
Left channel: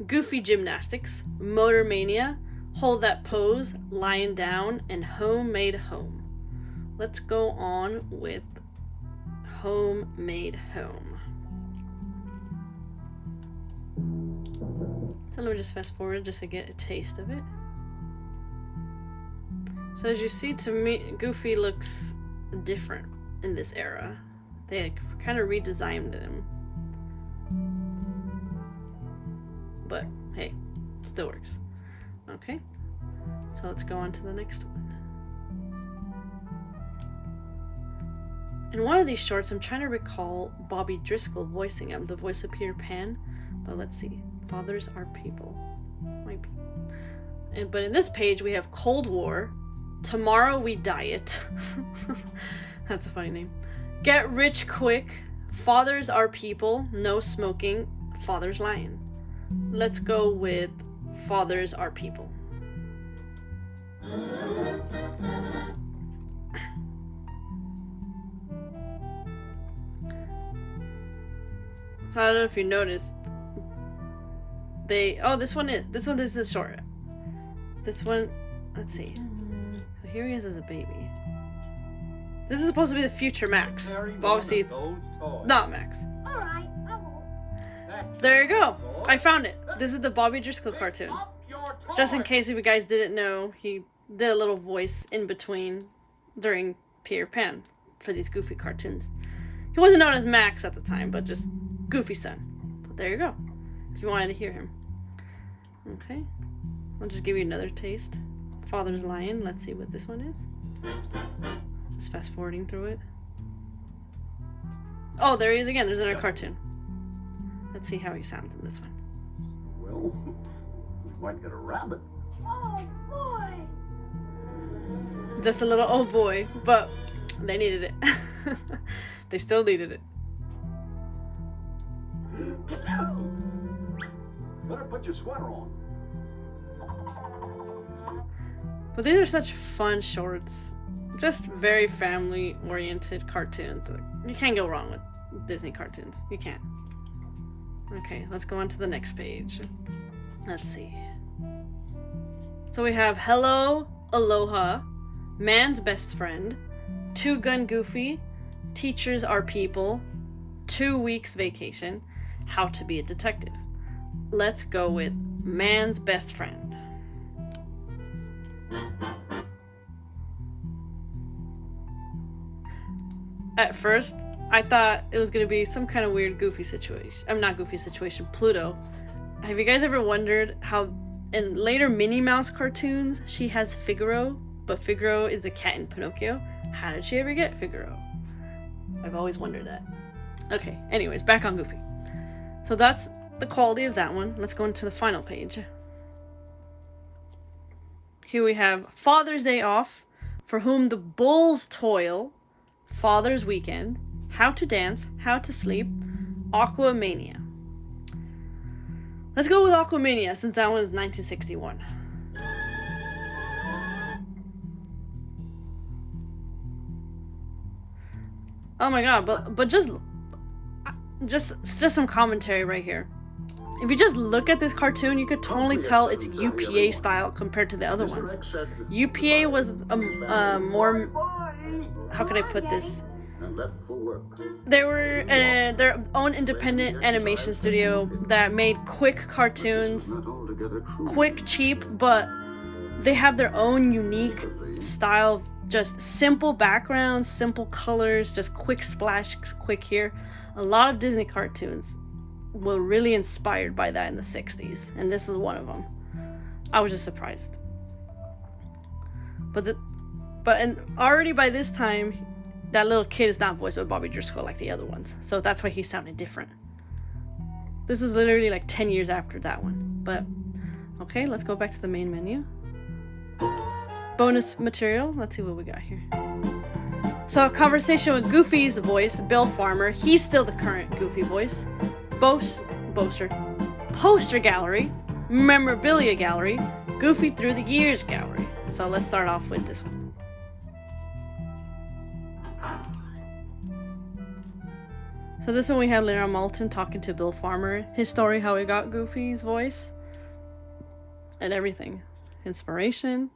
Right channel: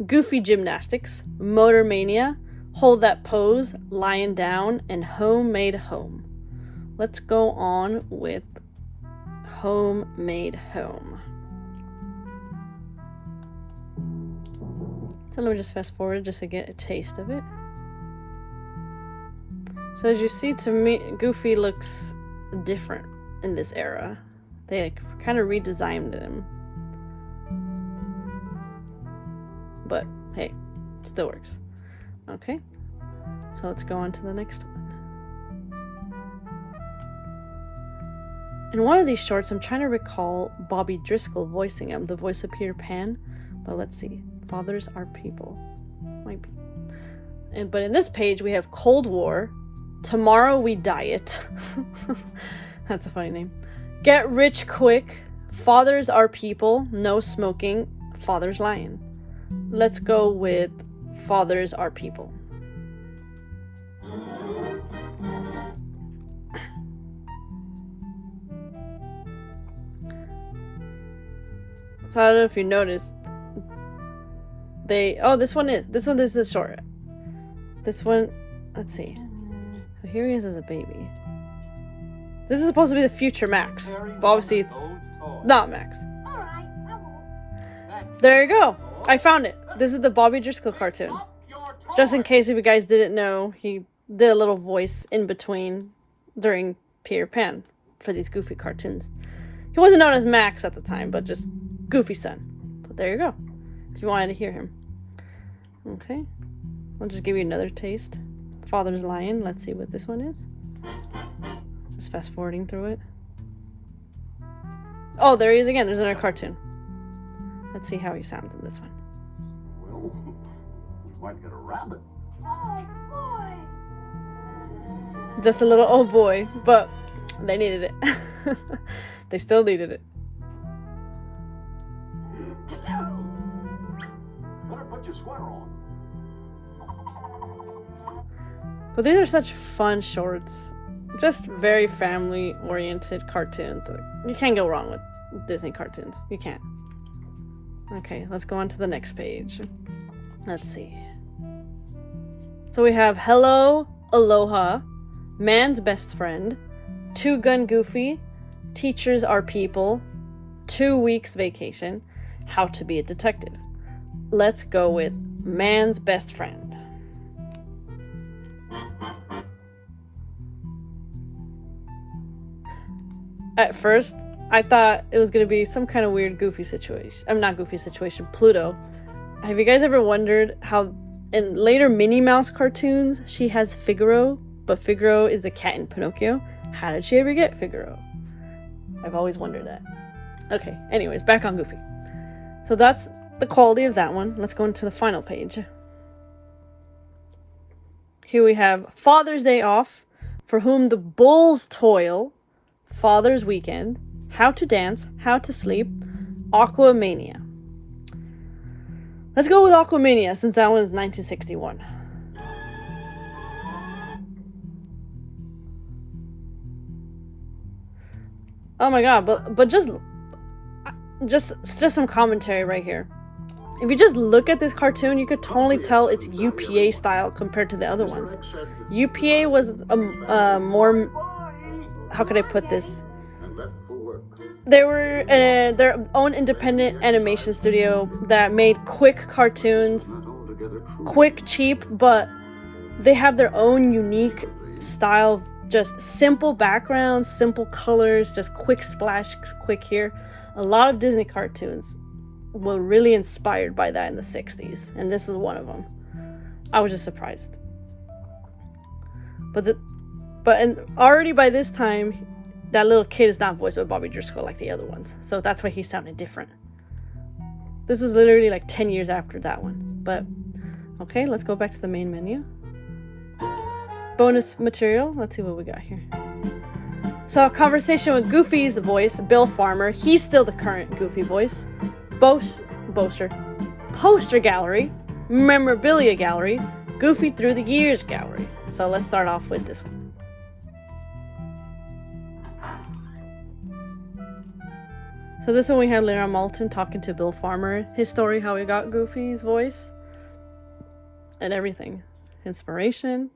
Goofy Gymnastics, Motor Mania, Hold That Pose, Lying Down, and Homemade Home. Let's go on with Homemade Home. So let me just fast forward just to get a taste of it. So as you see, to me, Goofy looks different in this era. They kind of redesigned him. But hey, still works. Okay, so let's go on to the next one. In one of these shorts, I'm trying to recall Bobbydriscoll voicing him, the voice of Peter Pan. But let's see, Fathers Are People. Might be. But in this page, we have Cold War, Tomorrow We Diet. That's a funny name. Get Rich Quick, Fathers Are People, No Smoking, Fathers Lying. Let's go with Fathers Are People. So I don't know if you noticed. This one is the short. This one, let's see. So here he is as a baby. This is supposed to be the future Max. But obviously it's not Max. There you go. I found it. This is the Bobbydriscoll cartoon. Just in case if you guys didn't know, he did a little voice in between during Peter Pan for these Goofy cartoons. He wasn't known as Max at the time, but just Goofy's son. But there you go. If you wanted to hear him. Okay. I'll just give you another taste. Father's Lion. Let's see what this one is. Just fast forwarding through it. Oh, there he is again. There's another cartoon. Let's see how he sounds in this one. Well, we might get a rabbit. Oh, boy! Just a little old boy, but they needed it. They still needed it. Better put your sweater on. But these are such fun shorts. Just very family-oriented cartoons. Like, you can't go wrong with Disney cartoons. You can't. Okay, let's go on to the next page. Let's see. So we have Hello, Aloha, Man's Best Friend, Two Gun Goofy, Teachers Are People, 2 Weeks Vacation, How to Be a Detective. Let's go with Man's Best Friend. At first, I thought it was going to be some kind of weird Goofy situation. Not Goofy situation, Pluto. Have you guys ever wondered how in later Minnie Mouse cartoons, she has Figaro, but Figaro is the cat in Pinocchio? How did she ever get Figaro? I've always wondered that. Okay, anyways, back on Goofy. So that's the quality of that one. Let's go into the final page. Here we have Father's Day Off, For Whom the Bulls Toil, Father's Weekend, How to Dance, How to Sleep, Aquamania. Let's go with Aquamania, since that one is 1961. Oh my god, but just some commentary right here. If you just look at this cartoon, you could totally tell it's UPA style compared to the other ones. UPA was more, how could I put this? They were their own independent animation studio that made quick cartoons, quick, cheap, but they have their own unique style, just simple backgrounds, simple colors, just quick splash, quick here. A lot of Disney cartoons were really inspired by that in the 60s, and this is one of them. I was just surprised. But already by this time, that little kid is not voiced by Bobbydriscoll like the other ones, so that's why he sounded different. This was literally like 10 years after that one. But okay, let's go back to the main menu. Bonus material. Let's see what we got here. So a conversation with Goofy's voice, Billfarmer. He's still the current Goofy voice. Poster gallery, memorabilia gallery, Goofy through the years gallery. So let's start off with this one. So this one we have leonardmaltin talking to Billfarmer, his story, how he got Goofy's voice, and everything. Inspiration.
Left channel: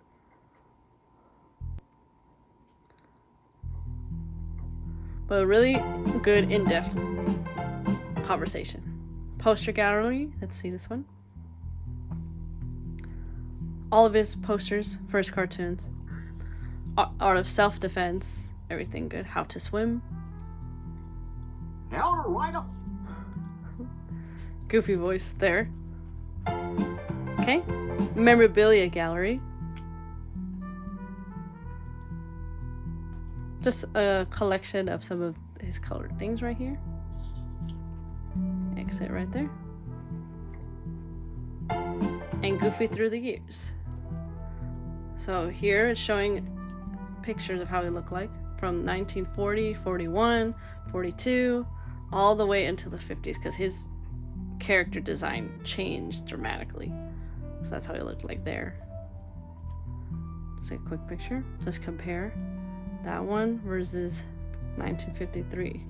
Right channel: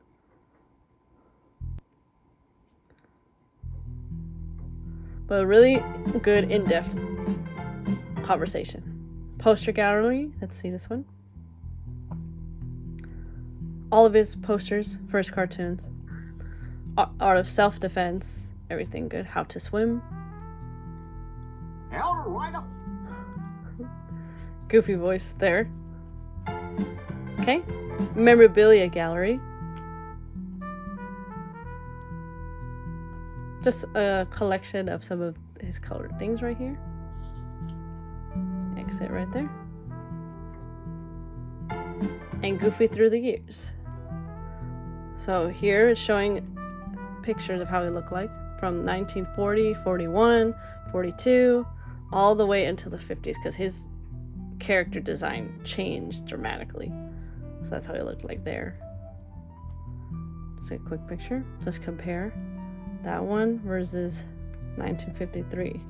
But a really good, in-depth conversation. Poster gallery. Let's see this one. All of his posters for his cartoons. Art of self-defense. Everything good. How to swim. How to ride a... Goofy voice there. Okay. Memorabilia gallery. Just a collection of some of his colored things right here. Exit right there. And Goofy through the years. So here it's showing pictures of how he looked like from 1940, 41, 42, all the way into the 50s, because his character design changed dramatically. So that's how he looked like there. Just a quick picture. Just compare that one versus 1953.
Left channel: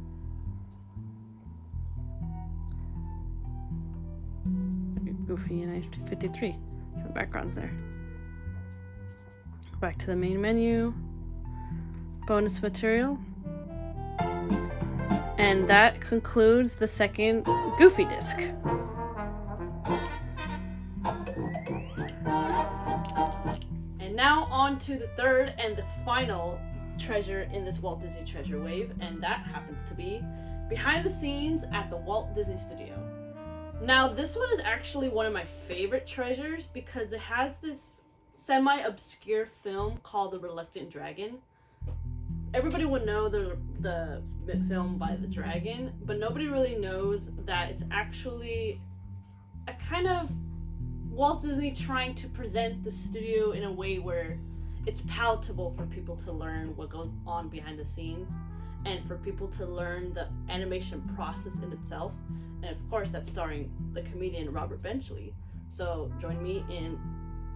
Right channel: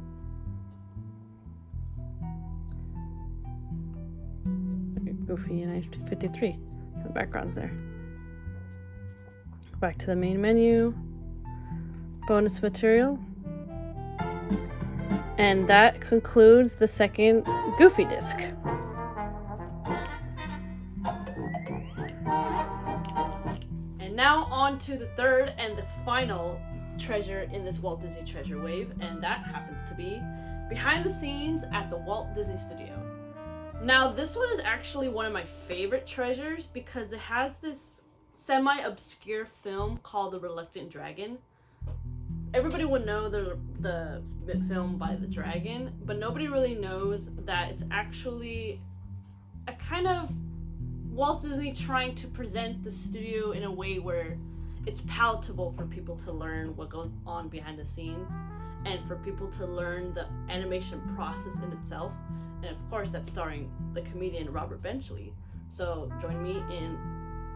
Goofy in 1953. Some backgrounds there. Back to the main menu. Bonus material. And that concludes the second Goofy disc. And now on to the third and the final treasure in this Walt Disney Treasure wave, and that happens to be Behind the Scenes at the Walt Disney Studio. Now this one is actually one of my favorite treasures because it has this semi-obscure film called The Reluctant Dragon. Everybody would know the film by the dragon, but nobody really knows that it's actually a kind of Walt Disney trying to present the studio in a way where it's palatable for people to learn what goes on behind the scenes and for people to learn the animation process in itself. And of course, that's starring the comedian Robert Benchley. So join me in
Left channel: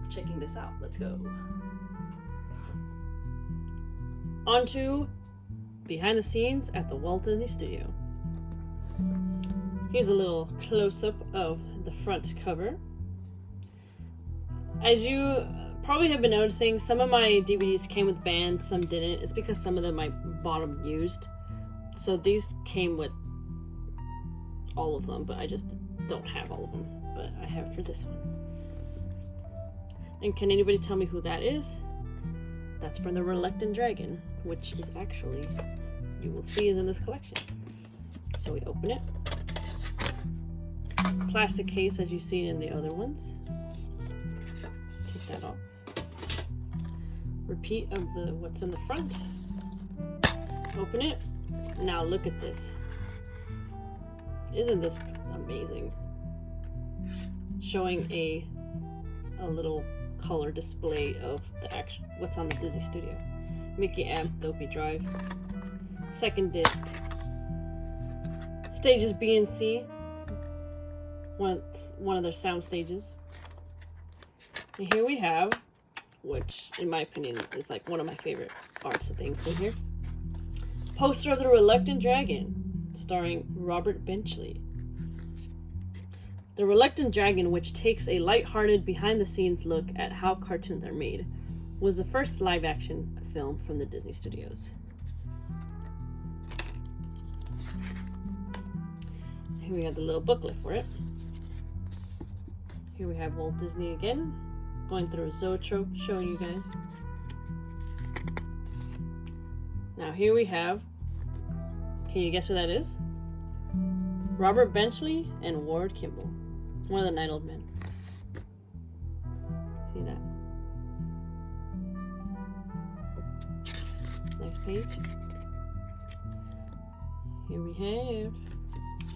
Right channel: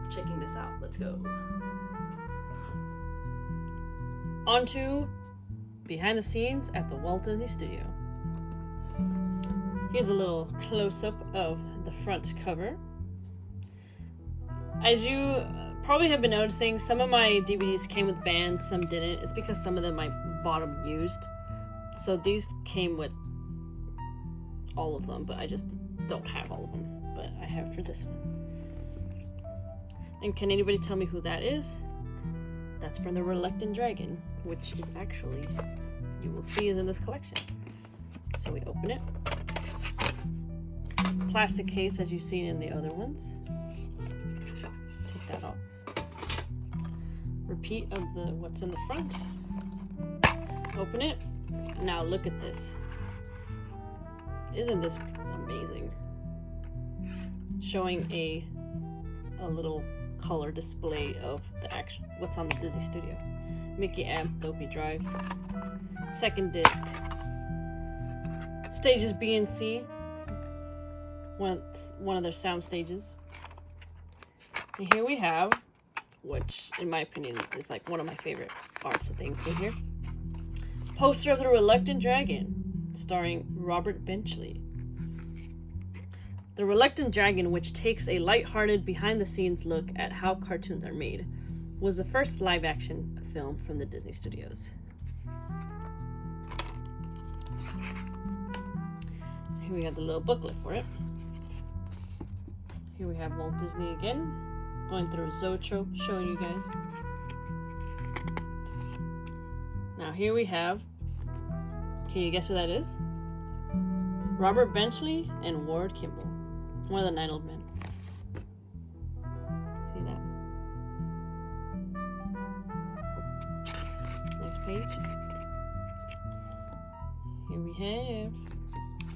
checking this out. Let's go. On to Behind the Scenes at the Walt Disney Studio. Here's a little close-up of the front cover. As you probably have been noticing, some of my DVDs came with bands, some didn't. It's because some of them I bought them used. So these came with all of them, but I just don't have all of them. But I have for this one. And can anybody tell me who that is? That's from The Reluctant Dragon, which is actually, you will see, is in this collection. So we open it. Plastic case, as you've seen in the other ones. Take that off. Repeat of what's in the front. Open it. Now look at this. Isn't this amazing? Showing a little color display of the actual what's on the Disney Studio. Mickey amp, Dopey Drive. Second disc. Stages B and C. one of their sound stages. And here we have, which in my opinion is like one of my favorite arts that they include here, poster of The Reluctant Dragon, starring Robert Benchley. The Reluctant Dragon, which takes a lighthearted behind-the-scenes look at how cartoons are made, was the first live-action film from the Disney Studios. Here we have the little booklet for it. Here we have Walt Disney again, going through a zoetrope, showing you guys. Now here we have, can you guess who that is? Robert Benchley and Ward Kimball, one of the 9 old men. See that? Next page. Here we have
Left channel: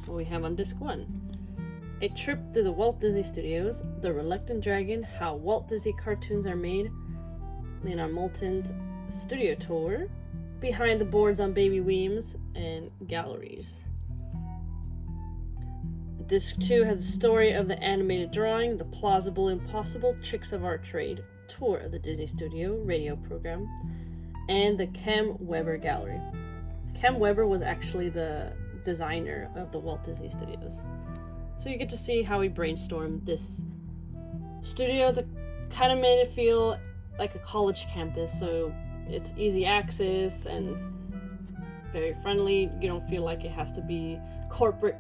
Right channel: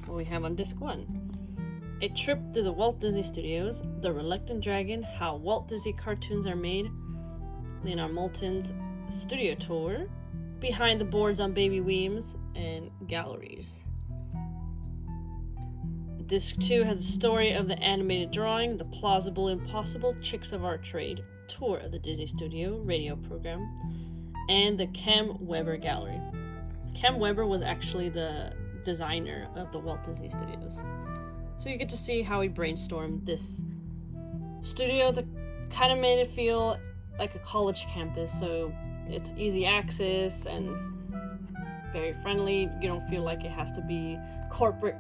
what we have on disc 1. A trip through the Walt Disney Studios, The Reluctant Dragon, How Walt Disney Cartoons Are Made, Leonardmaltin's Studio Tour, Behind the Boards on Baby Weems, and Galleries. Disc 2 has a story of the animated drawing, The Plausible Impossible Tricks of Our Trade, tour of the Disney Studio radio program, and the Kem Weber Gallery. Kem Weber was actually the designer of the Walt Disney Studios. So you get to see how he brainstormed this studio that kind of made it feel like a college campus, so it's easy access and very friendly. You don't feel like it has to be corporate.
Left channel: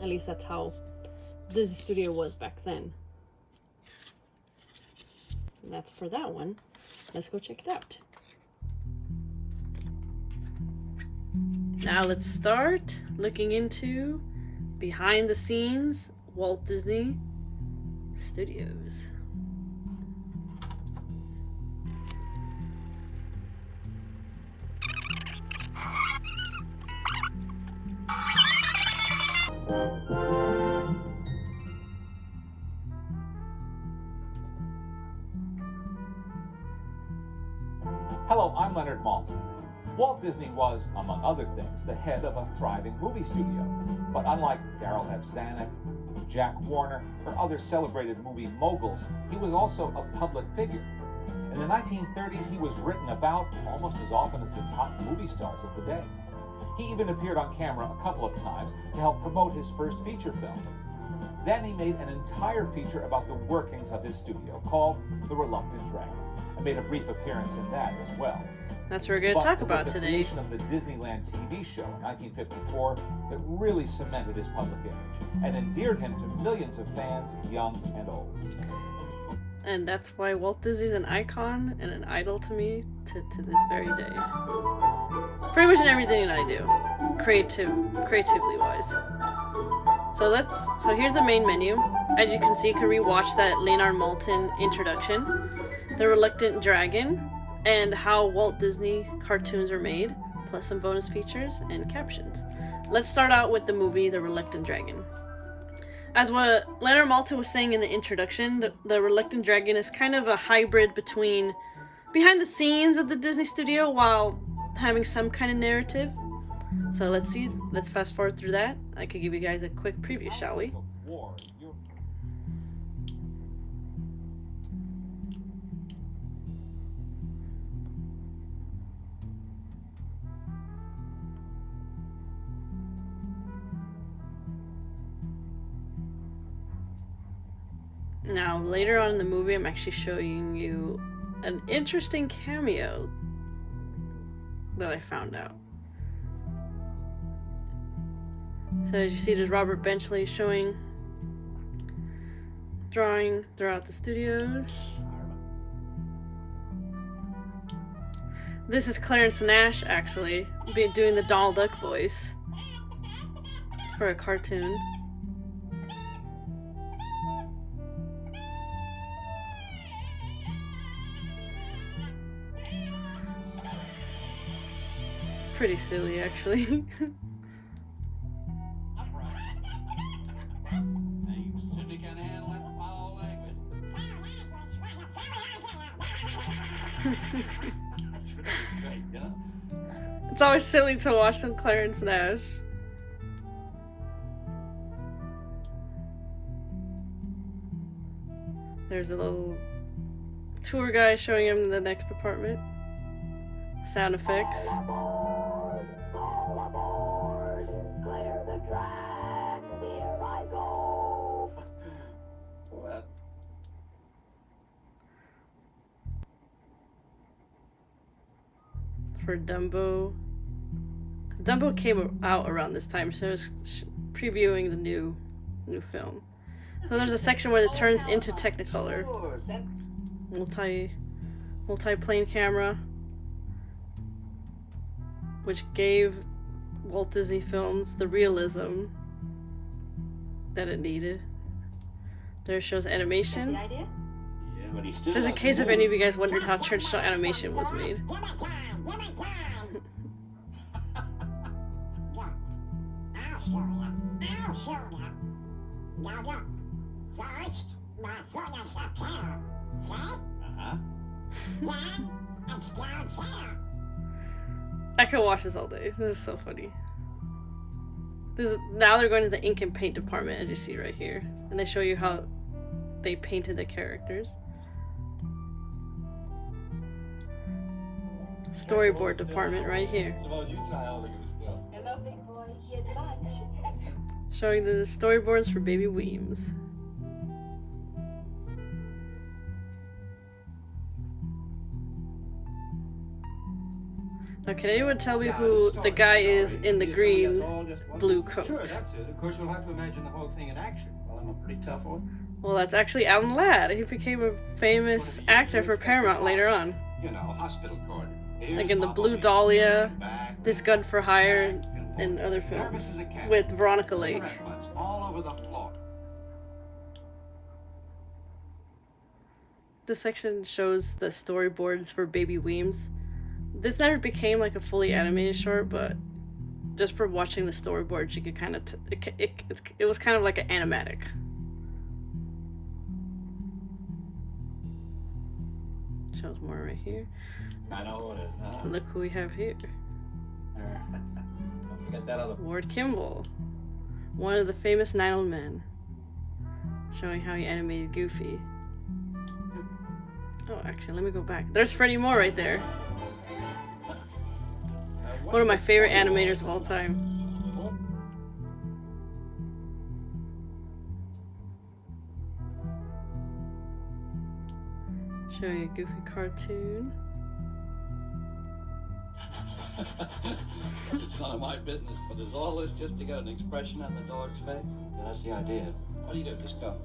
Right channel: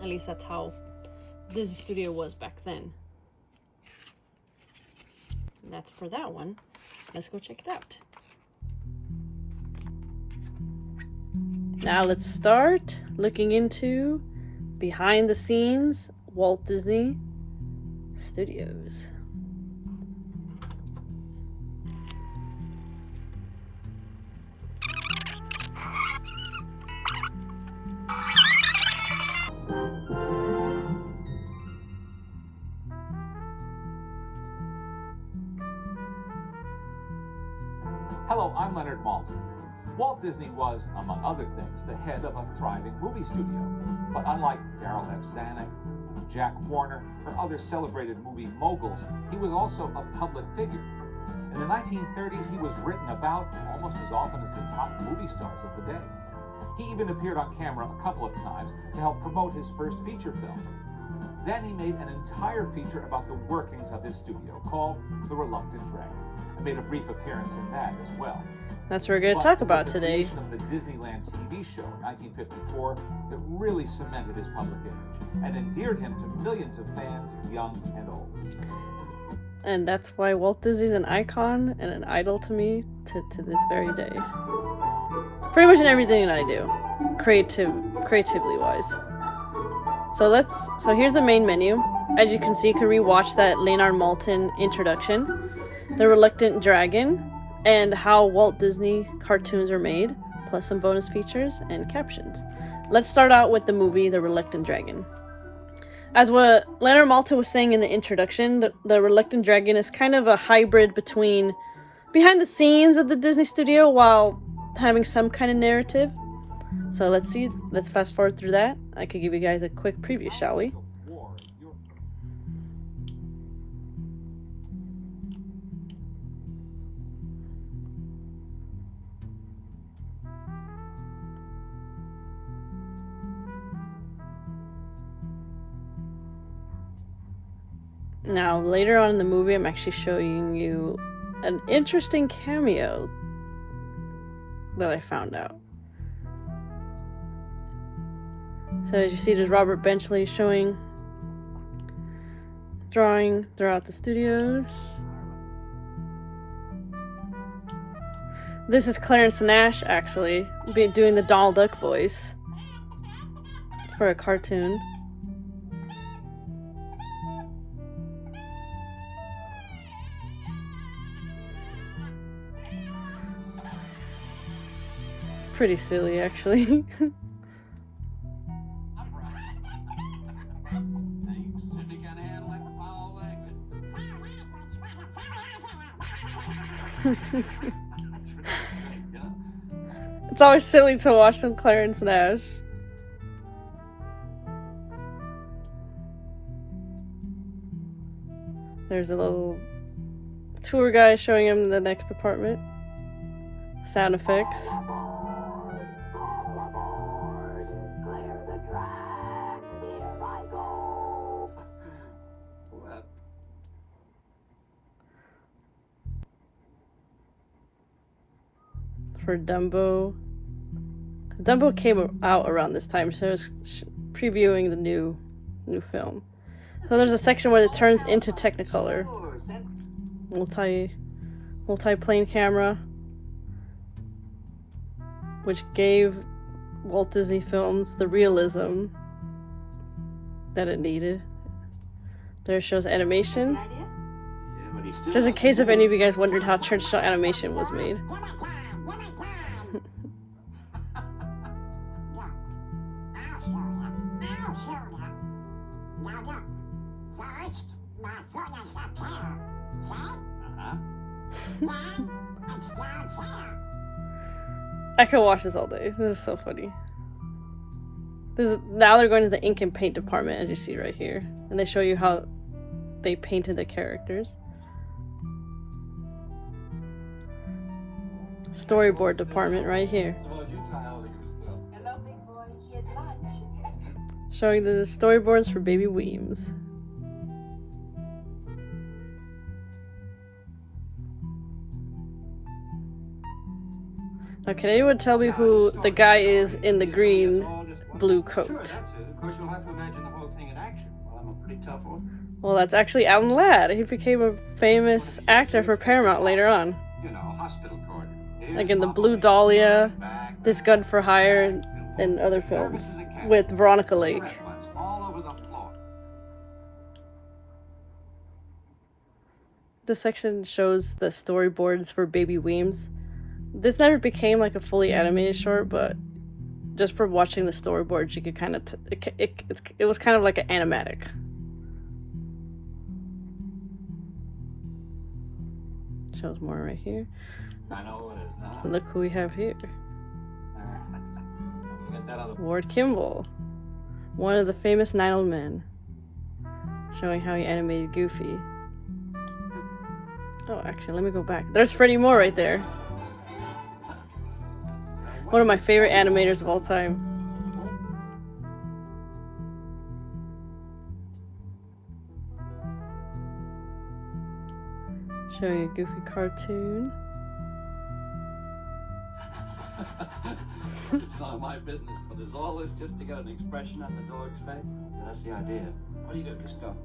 At least that's how Disney Studio was back then. And that's for that one. Let's go check it out. Now let's start looking into behind the scenes Walt Disney Studios. Hello, I'm Leonard Maltin. Walt Disney was, among other things, the head of a thriving movie studio. But unlike Darryl F. Zanuck, Jack Warner, or other celebrated movie moguls, he was also a public figure. In the 1930s, he was written about almost as often as the top movie stars of the day. He even appeared on camera a couple of times to help promote his first feature film. Then he made an entire feature about the workings of his studio called The Reluctant Dragon, and made a brief appearance in that as well. That's what we're going to talk about today. The creation of the Disneyland TV show in 1954 that really cemented his public image and endeared him to millions of fans, young and old. And that's why Walt Disney's an icon and an idol to me to this very day. Pretty much in everything that I do, creatively wise. So here's the main menu. As you can see, you can rewatch that Leonardmaltin introduction, The Reluctant Dragon, and how Walt Disney cartoons are made, plus some bonus features and captions. Let's start out with the movie The Reluctant Dragon. As what Leonardmaltin was saying in the introduction, the Reluctant Dragon is kind of a hybrid between behind the scenes of the Disney Studio while having some kind of narrative. So let's fast forward through that. I could give you guys a quick preview, shall we? Now, later on in the movie, I'm actually showing you an interesting cameo that I found out. So as you see, there's Robert Benchley drawing throughout the studios. This is Clarence Nash, actually, doing the Donald Duck voice for a cartoon. Pretty silly, actually. It's always silly to watch some Clarence Nash. There's a little tour guide showing him the next apartment. Sound effects. For Dumbo. Dumbo came out around this time, so it's previewing the new film. So there's a section where it turns into Technicolor. Multi-plane camera, which gave Walt Disney Films the realism that it needed. There it shows animation. Just in case if any of you guys wondered how Churchill animation was made. I could watch this all day. This is so funny. Now they're going to the ink and paint department, as you see right here. And they show you how they painted the characters. Storyboard department right here. Hello, big boy. Here's lunch. Showing the storyboards for Baby Weems. Now, can anyone tell me who the guy is in the green blue coat? Sure, that's it. Of course, you'll have to imagine the whole thing in action. Well, I'm a pretty tough one. Well, that's actually Alanladd. He became a famous actor for Paramount later on. You know, hospital corner. Like in The Blue Dahlia, This Gun for Hire, and other films with Veronica Lake. All over the floor. This section shows the storyboards for Baby Weems. This never became like a fully animated short, but just for watching the storyboards, you could kind of it was kind of like an animatic. Shows more right here. I know what it is. Look who we have here. Get that other. Ward Kimball, one of the famous Nine Old Men, showing how he animated Goofy. Oh, actually, let me go back. There's Freddie Moore right there. One of my favorite animators of all time. Showing you a Goofy cartoon. It's none of my business, but is all this just to get an expression on the dog's face? Yeah, that's the idea. What do you do? Just go.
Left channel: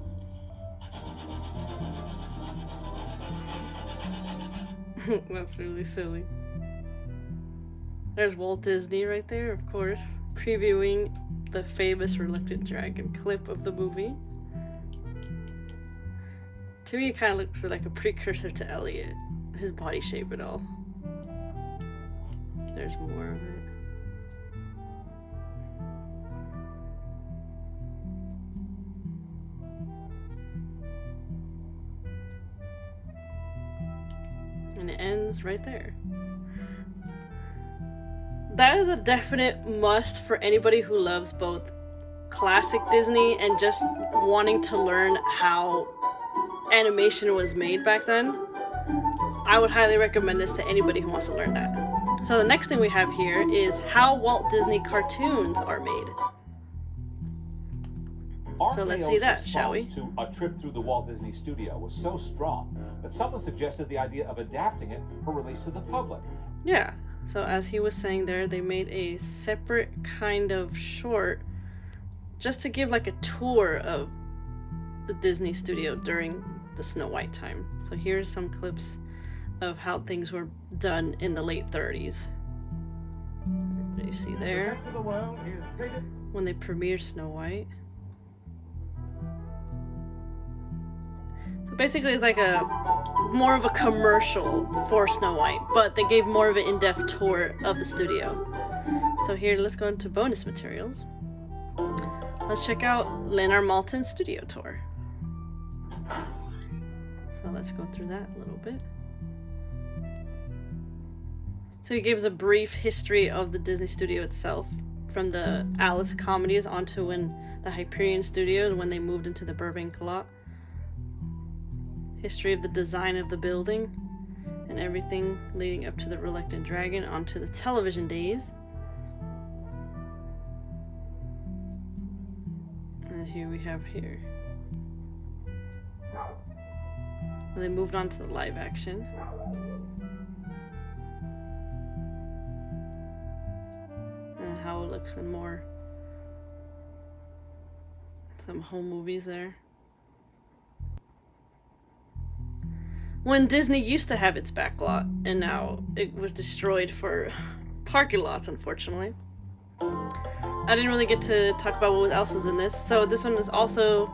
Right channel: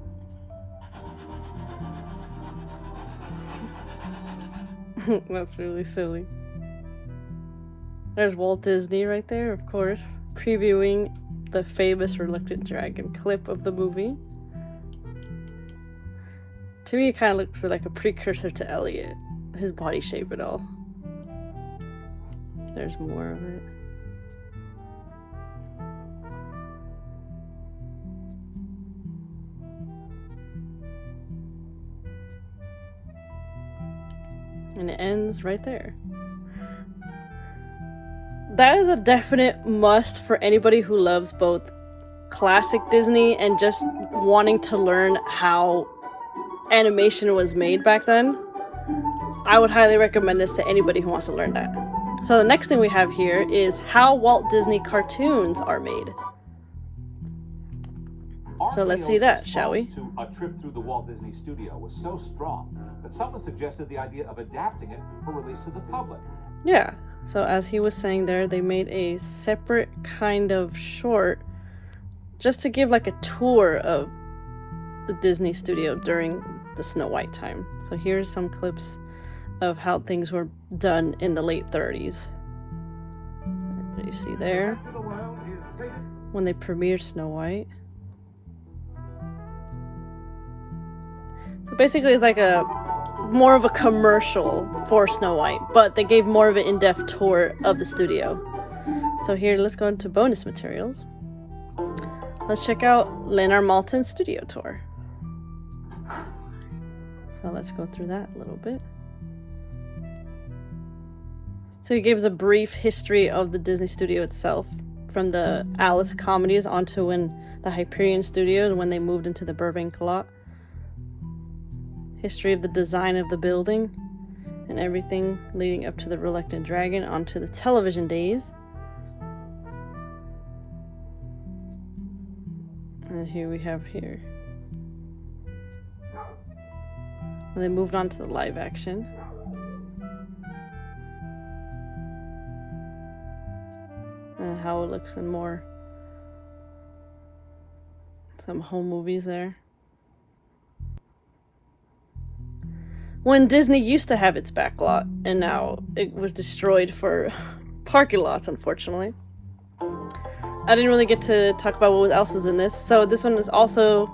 That's really silly. There's Walt Disney right there, of course, previewing the famous Reluctant Dragon clip of the movie. To me, it kind of looks like a precursor to Elliot, his body shape and all. There's more of it. And it ends right there. That is a definite must for anybody who loves both classic Disney and just wanting to learn how animation was made back then. I would highly recommend this to anybody who wants to learn that. So the next thing we have here is how Walt Disney cartoons are made. So let's see that, shall we? To a trip through the Walt Disney Studio was so strong that someone suggested the idea of adapting it for release to the public. Yeah, so as he was saying there, they made a separate kind of short just to give like a tour of the Disney Studio during the Snow White time. So here's some clips of how things were done in the late 30s. What you see there? When they premiered Snow White. So basically it's like a more of a commercial for Snow White, but they gave more of an in-depth tour of the studio. So here, let's go into bonus materials. Let's check out Leonardmaltin's studio tour. So let's go through that a little bit. So he gives a brief history of the Disney Studio itself, from the Alice comedies onto when the Hyperion Studio and when they moved into the Burbank lot. history of the design of the building, and everything leading up to the Reluctant Dragon onto the television days. And here we have here. And they moved on to the live action. And how it looks in more some home movies there. When Disney used to have its back lot, and now it was destroyed for parking lots, unfortunately. I didn't really get to talk about what else was in this. So this one is also,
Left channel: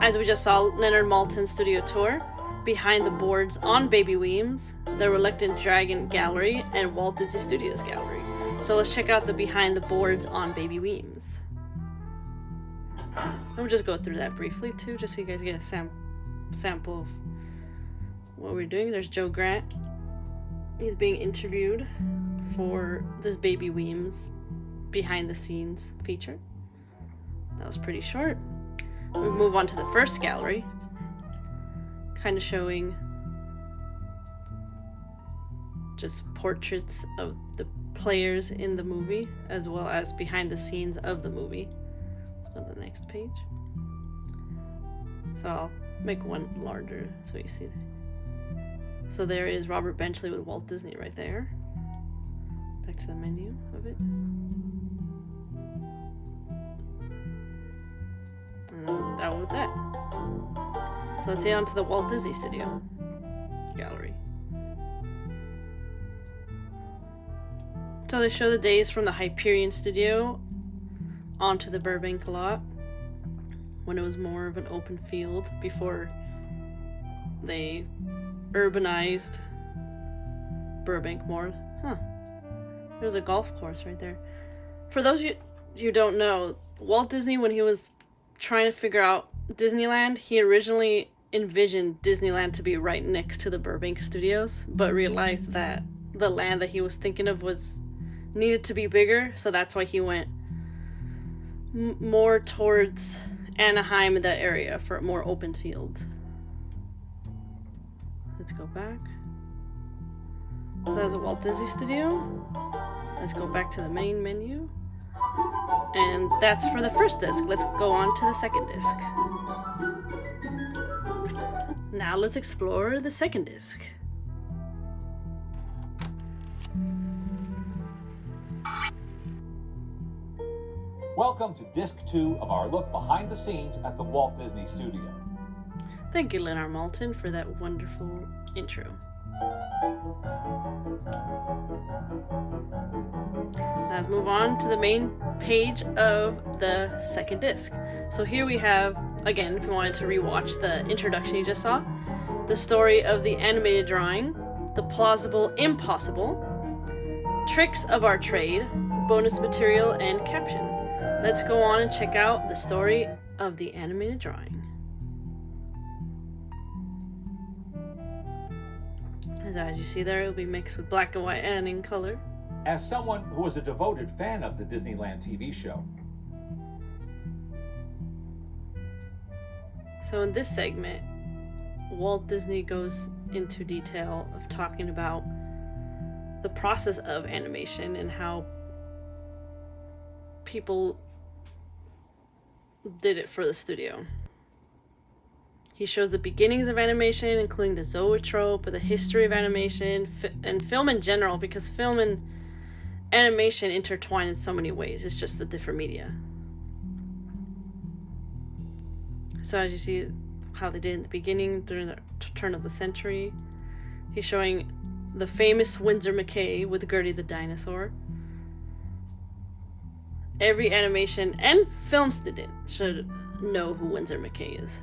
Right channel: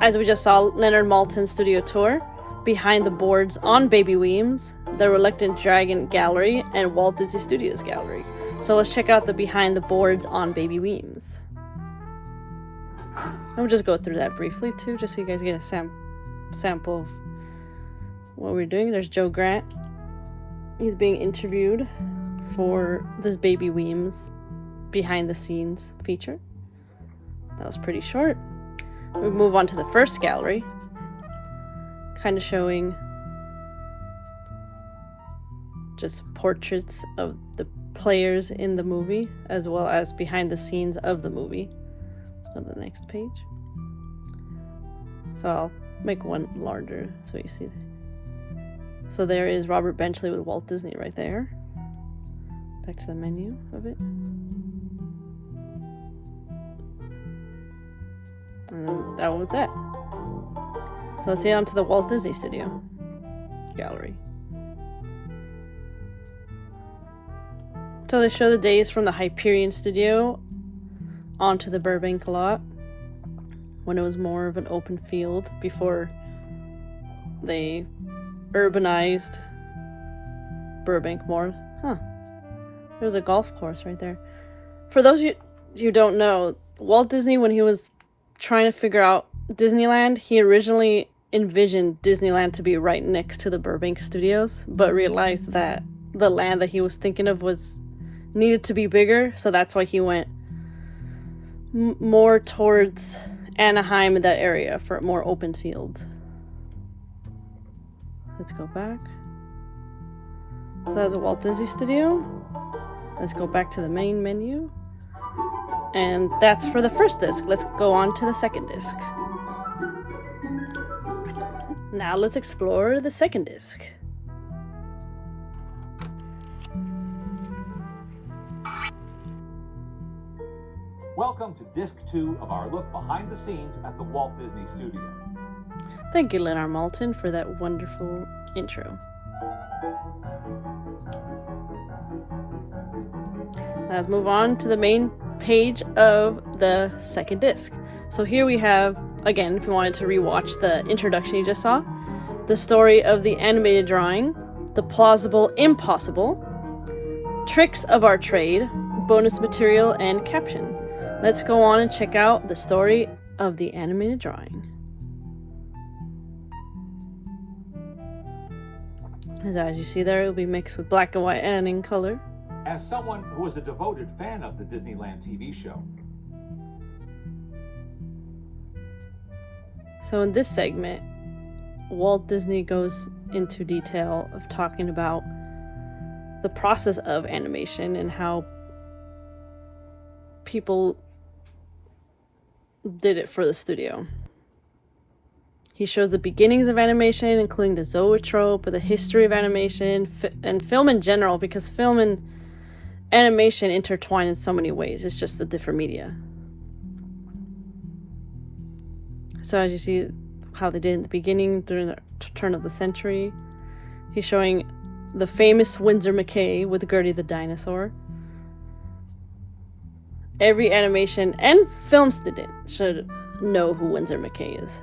as we just saw, leonardmaltin studio tour, Behind the Boards on Baby Weems, the Reluctant Dragon Gallery, and Walt Disney Studios Gallery. So let's check out the Behind the Boards on Baby Weems. I'll just go through that briefly too, just so you guys get a sample of what we're doing. There's Joe Grant. He's being interviewed for this Baby Weems behind the scenes feature. That was pretty short. We move on to the first gallery, kind of showing just portraits of the players in the movie as well as behind the scenes of the movie. On the next page. So I'll make one larger so you see. So there is Robert Benchley with Walt Disney right there. Back to the menu of it. And then that was that. So let's see on to the Walt Disney Studio Gallery. So they show the days from the Hyperion Studio onto the Burbank lot, when it was more of an open field before they urbanized Burbank more. There's a golf course right there. For those of you who don't know, Walt Disney, when he was trying to figure out Disneyland, he originally envisioned Disneyland to be right next to the Burbank studios, but realized that the land that he was thinking of needed to be bigger, so that's why he went more towards Anaheim in that area for more open fields. Let's go back. So that's a Walt Disney Studio. Let's go back to the main menu. And that's for the first disc. Let's go on to the second disc. Now let's explore the second disc. Welcome to Disc 2 of our look behind the scenes at the Walt Disney Studio. Thank you, leonardmaltin, for that wonderful intro. Let's move on to the main page of the second disc. So here we have, again, if you wanted to rewatch the introduction you just saw, the story of the animated drawing, the plausible impossible, tricks of our trade, bonus material, and caption. Let's go on and check out the story of the animated drawing. As you see there, it will be mixed with black and white and in color. As someone who is a devoted fan of the Disneyland TV show. So in this segment, Walt Disney goes into detail of talking about the process of animation and how people did it for the studio. He shows the beginnings of animation, including the zoetrope, the history of animation, and film in general, because film and animation intertwine in so many ways. It's just a different media. So as you see how they did in the beginning, during the turn of the century, he's showing the famous Winsor McCay with Gertie the dinosaur. Every animation and film student should know who Winsor McCay is.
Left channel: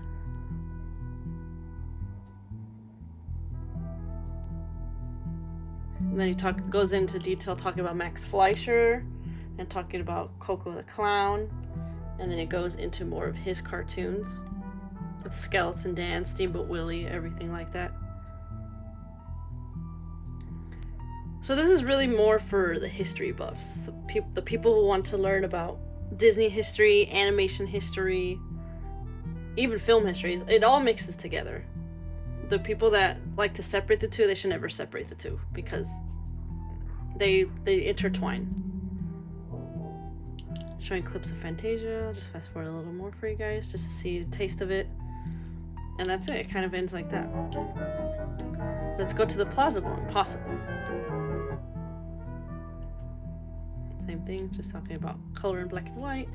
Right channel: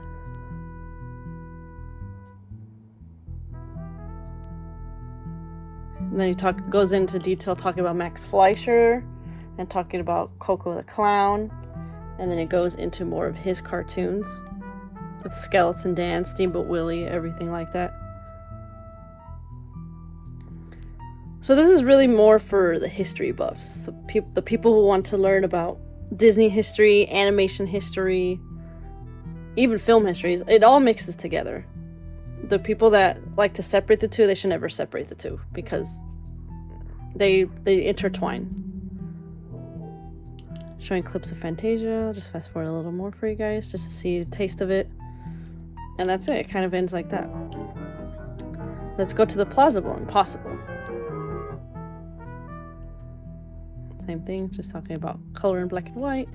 And then he goes into detail talking about Max Fleischer and talking about Coco the Clown. And then it goes into more of his cartoons with Skeleton Dan, Steamboat Willie, everything like that. So this is really more for the history buffs, so the people who want to learn about Disney history, animation history, even film histories. It all mixes together. the people that like to separate the two, they should never separate the two because they intertwine. Showing clips of Fantasia. I'll just fast forward a little more for you guys just to see a taste of it. And that's it. It kind of ends like that. Let's go to the plausible and possible. Same thing, just talking about color in black and white.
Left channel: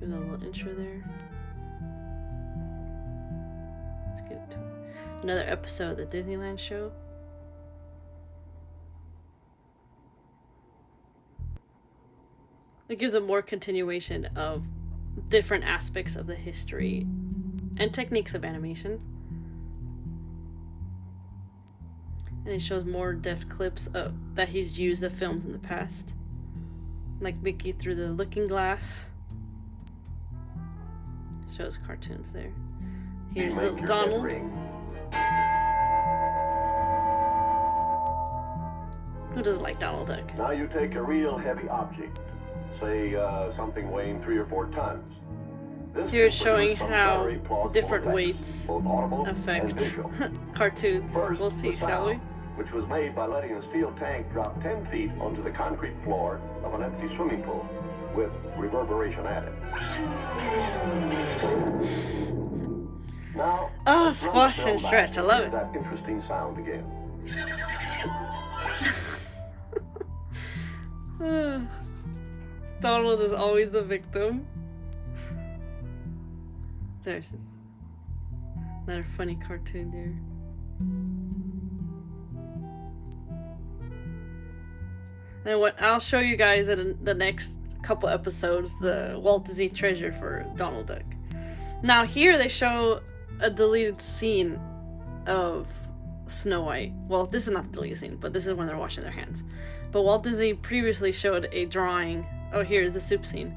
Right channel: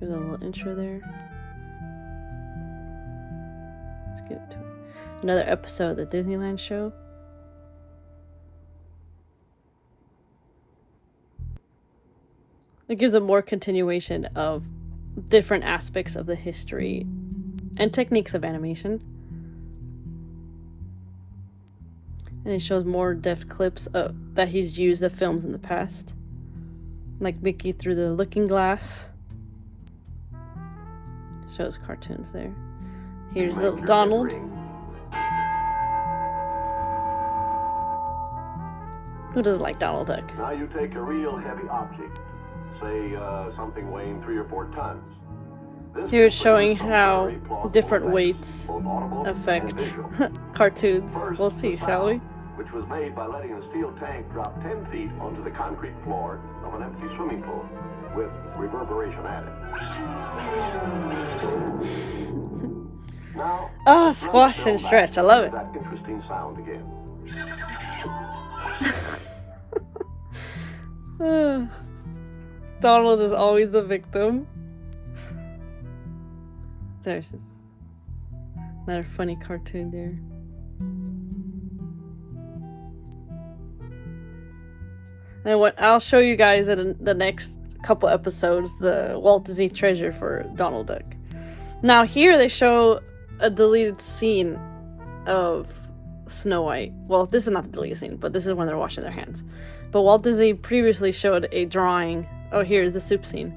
There's a little intro there. Let's get into it. Another episode of the Disneyland show. It gives a more continuation of different aspects of the history and techniques of animation. And it shows more depth clips that he's used of films in the past. Like Mickey through the looking glass. Shows cartoons there. Here's little Donald. Who doesn't like Donald Duck? Now you take a real heavy object, say something weighing 3 or 4 tons. Here's showing how different weights affect cartoons. We'll see, shall we? Which was made by letting a steel tank drop 10 feet onto the concrete floor of an empty swimming pool, with reverberation added. Now, squash and stretch. I love it. That interesting sound again. Donald is always a victim. There's another funny cartoon there. And what I'll show you guys in the next couple episodes, the Walt Disney Treasure for Donald Duck. Now here they show a deleted scene of Snow White. Well, this is not the deleted scene, but this is when they're washing their hands. But Walt Disney previously showed a drawing. Oh, here's the soup scene.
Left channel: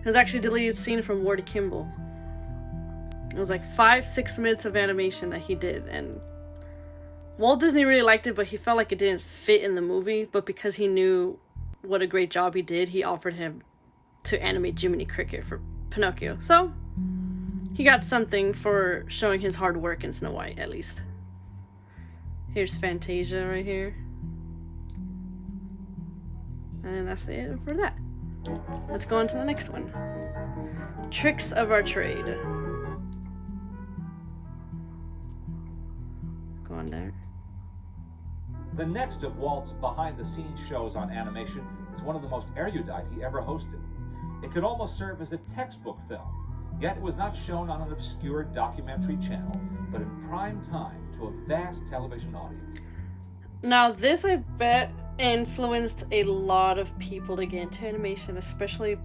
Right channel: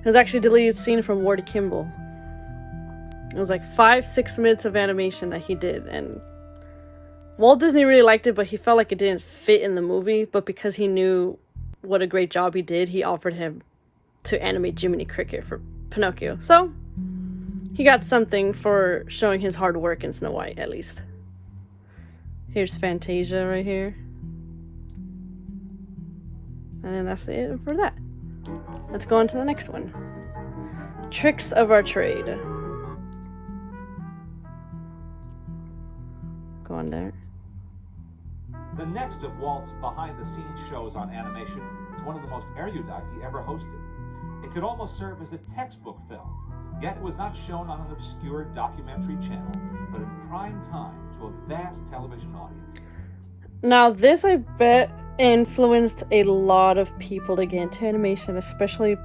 It was actually a deleted scene from Walt Kimball. It was like 5-6 minutes of animation that he did, and Walt Disney really liked it, but he felt like it didn't fit in the movie. But because he knew what a great job he did, he offered him to animate Jiminy Cricket for Pinocchio. So he got something for showing his hard work in Snow White, at least. Here's Fantasia right here. And that's it for that. Let's go on to the next one. Tricks of our trade. Go on there. The next of Walt's behind-the-scenes shows on animation is one of the most erudite he ever hosted. It could almost serve as a textbook film, yet it was not shown on an obscure documentary channel, but in prime time to a vast television audience. Now this, I bet, influenced a lot of people to get into animation, especially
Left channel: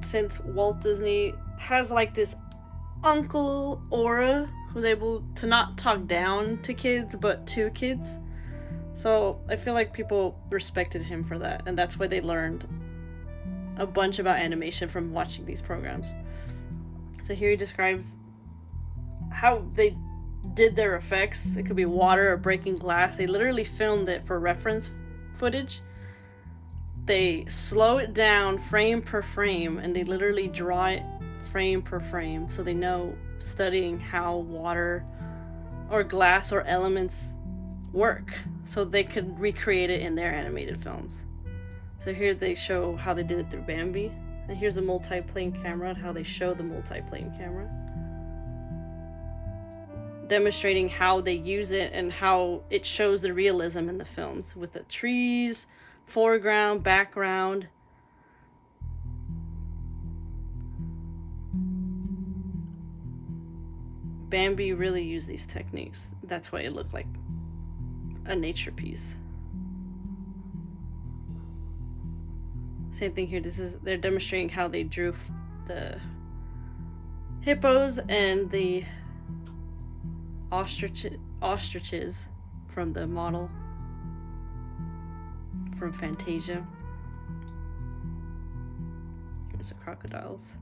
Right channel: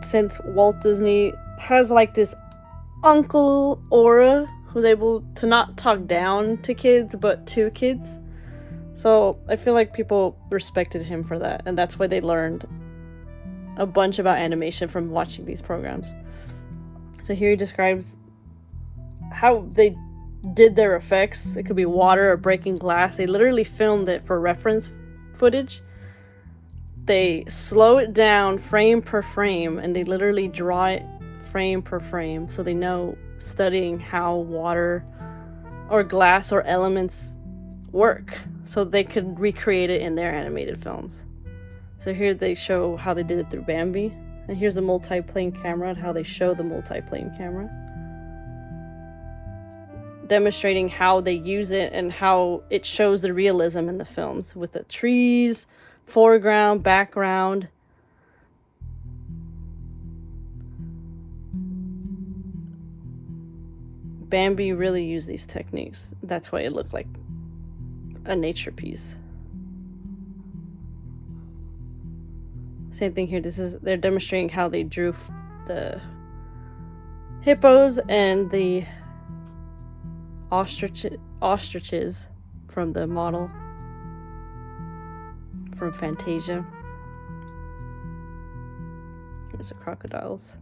since Walt Disney has like this uncle aura who's able to not talk down to kids, but to kids. So I feel like people respected him for that, and that's why they learned a bunch about animation from watching these programs. So here he describes how they did their effects. It could be water or breaking glass. They literally filmed it for reference footage. They slow it down frame per frame, and they literally draw it frame per frame, so they know, studying how water or glass or elements work, so they could recreate it in their animated films. So here they show how they did it through Bambi, and here's a multi-plane camera and how they show the multi-plane camera, demonstrating how they use it and how it shows the realism in the films with the trees, foreground, background. Bambi really used these techniques. That's why it looked like a nature piece. Same thing here. They're demonstrating how they drew the hippos and the ostriches from the model from Fantasia. There's the crocodiles.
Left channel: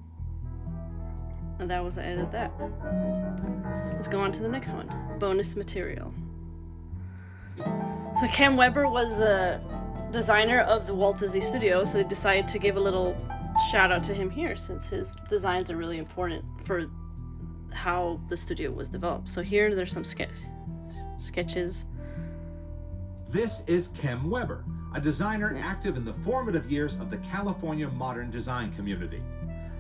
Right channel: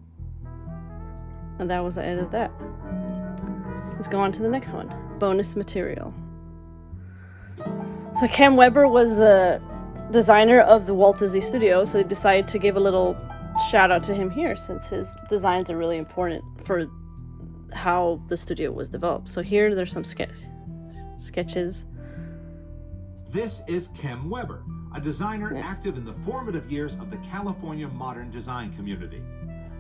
And that was the end of that. Let's go on to the next one. Bonus material. So Cam Weber was the designer of the Walt Disney Studios, so they decided to give a little shout out to him here, since his designs are really important for how the studio was developed. So here there's some sketches. This is Kem Weber, a designer active in the formative years of the California modern design community.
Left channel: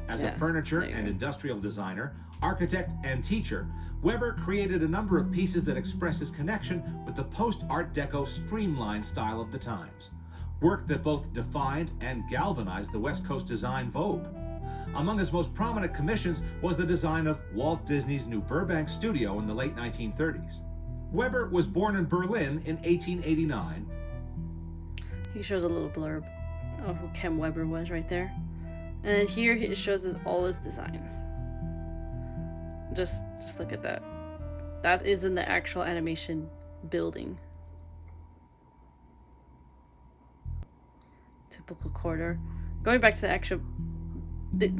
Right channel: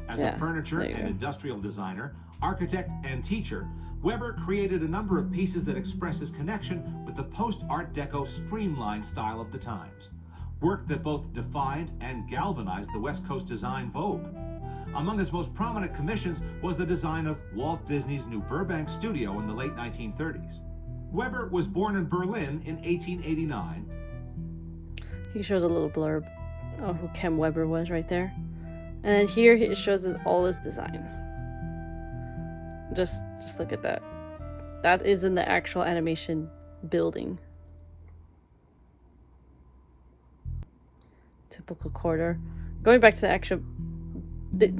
As a furniture and industrial designer, architect, and teacher, Weber created a number of pieces that express his connection with the post-Art Deco streamlined style of the times. Work that both defined and galvanized the West Coast design vogue. Among his most prominent commissions was the design of Walt Disney's New Burbank studio in the late 1930s. Weber was born in Berlin in 1889. He shows a little blurb of who Kem Weber was right there. And then here he shows us all his designs. Just look at that. That is in the actual animation building. Typical corridor. Going back to the actual,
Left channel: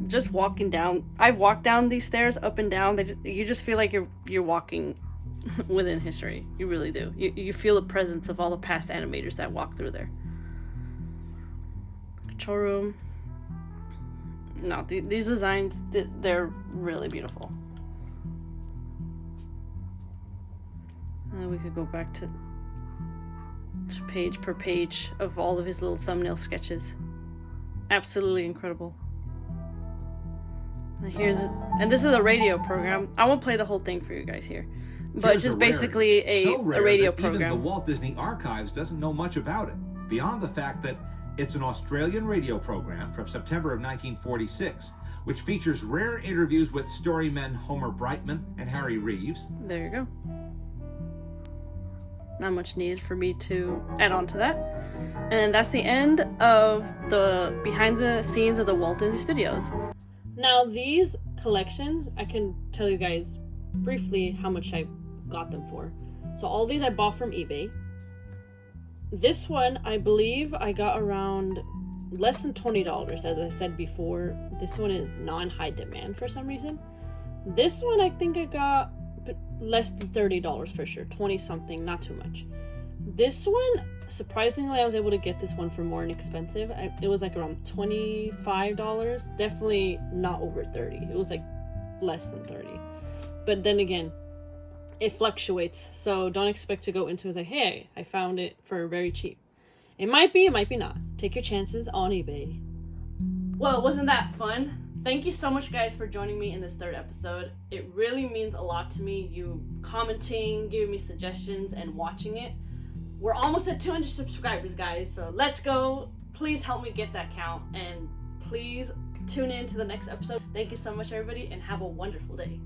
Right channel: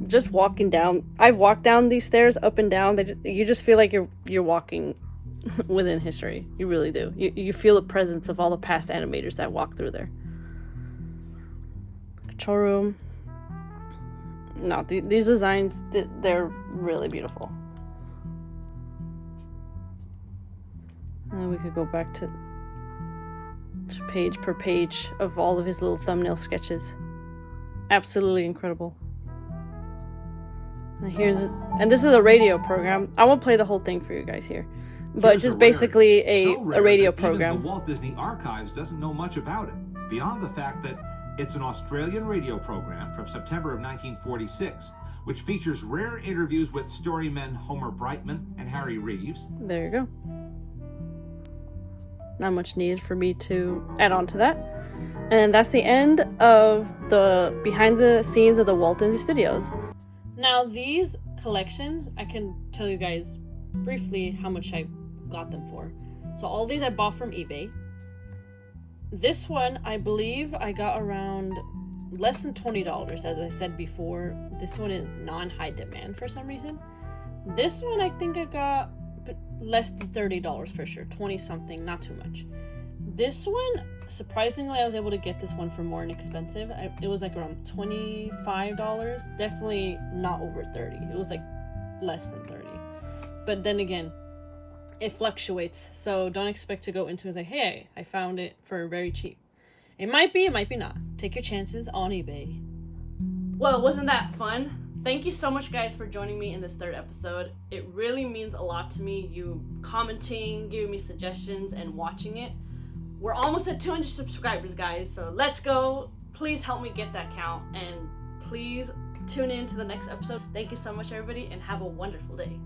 just walking down. I've walked down these stairs up and down. You just feel like you're walking within history. You really do. You feel the presence of all the past animators that walk through there. Control room. No, these designs, they're really beautiful. And we could go back to page per page of all of his little thumbnail sketches. Absolutely incredible. And this is a radio program. I won't play the whole thing for you guys here, but just basically a radio program. Even the Walt Disney Archives doesn't know much about it, beyond the fact that it's an Australian radio program from September of 1946, which features rare interviews with storymen Homer Brightman and Harry Reeves. There you go. Not much needed for me to add on to that. And that's the end of the behind the scenes of the Walt Disney Studios. Now these collections, I can tell you guys briefly how much I got them for. So all these I bought from eBay. This one, I believe I got around less than $20, as I said before. This one is non-high demand for some reason. This one I think I got less than $30 for sure, 20 something, not too much. This one, surprisingly, I was able to get this one for more inexpensive. It was like around $25, definitely not over 30. It was like less than 30. But then again, it fluctuates, so don't expect to go into it like, hey, I found it for very cheap. It might be not. Take your chances on eBay. Well, wasn't that fun? Thank you so much, guys, for joining me in this third episode. It really means a lot to me, you commenting, giving me suggestions, and watching it. We're almost at 200 subscribers, guys, so let's go. Please help me get that count, and please tune in to the next episode. Thank you so much, everybody, and have a wonderful day.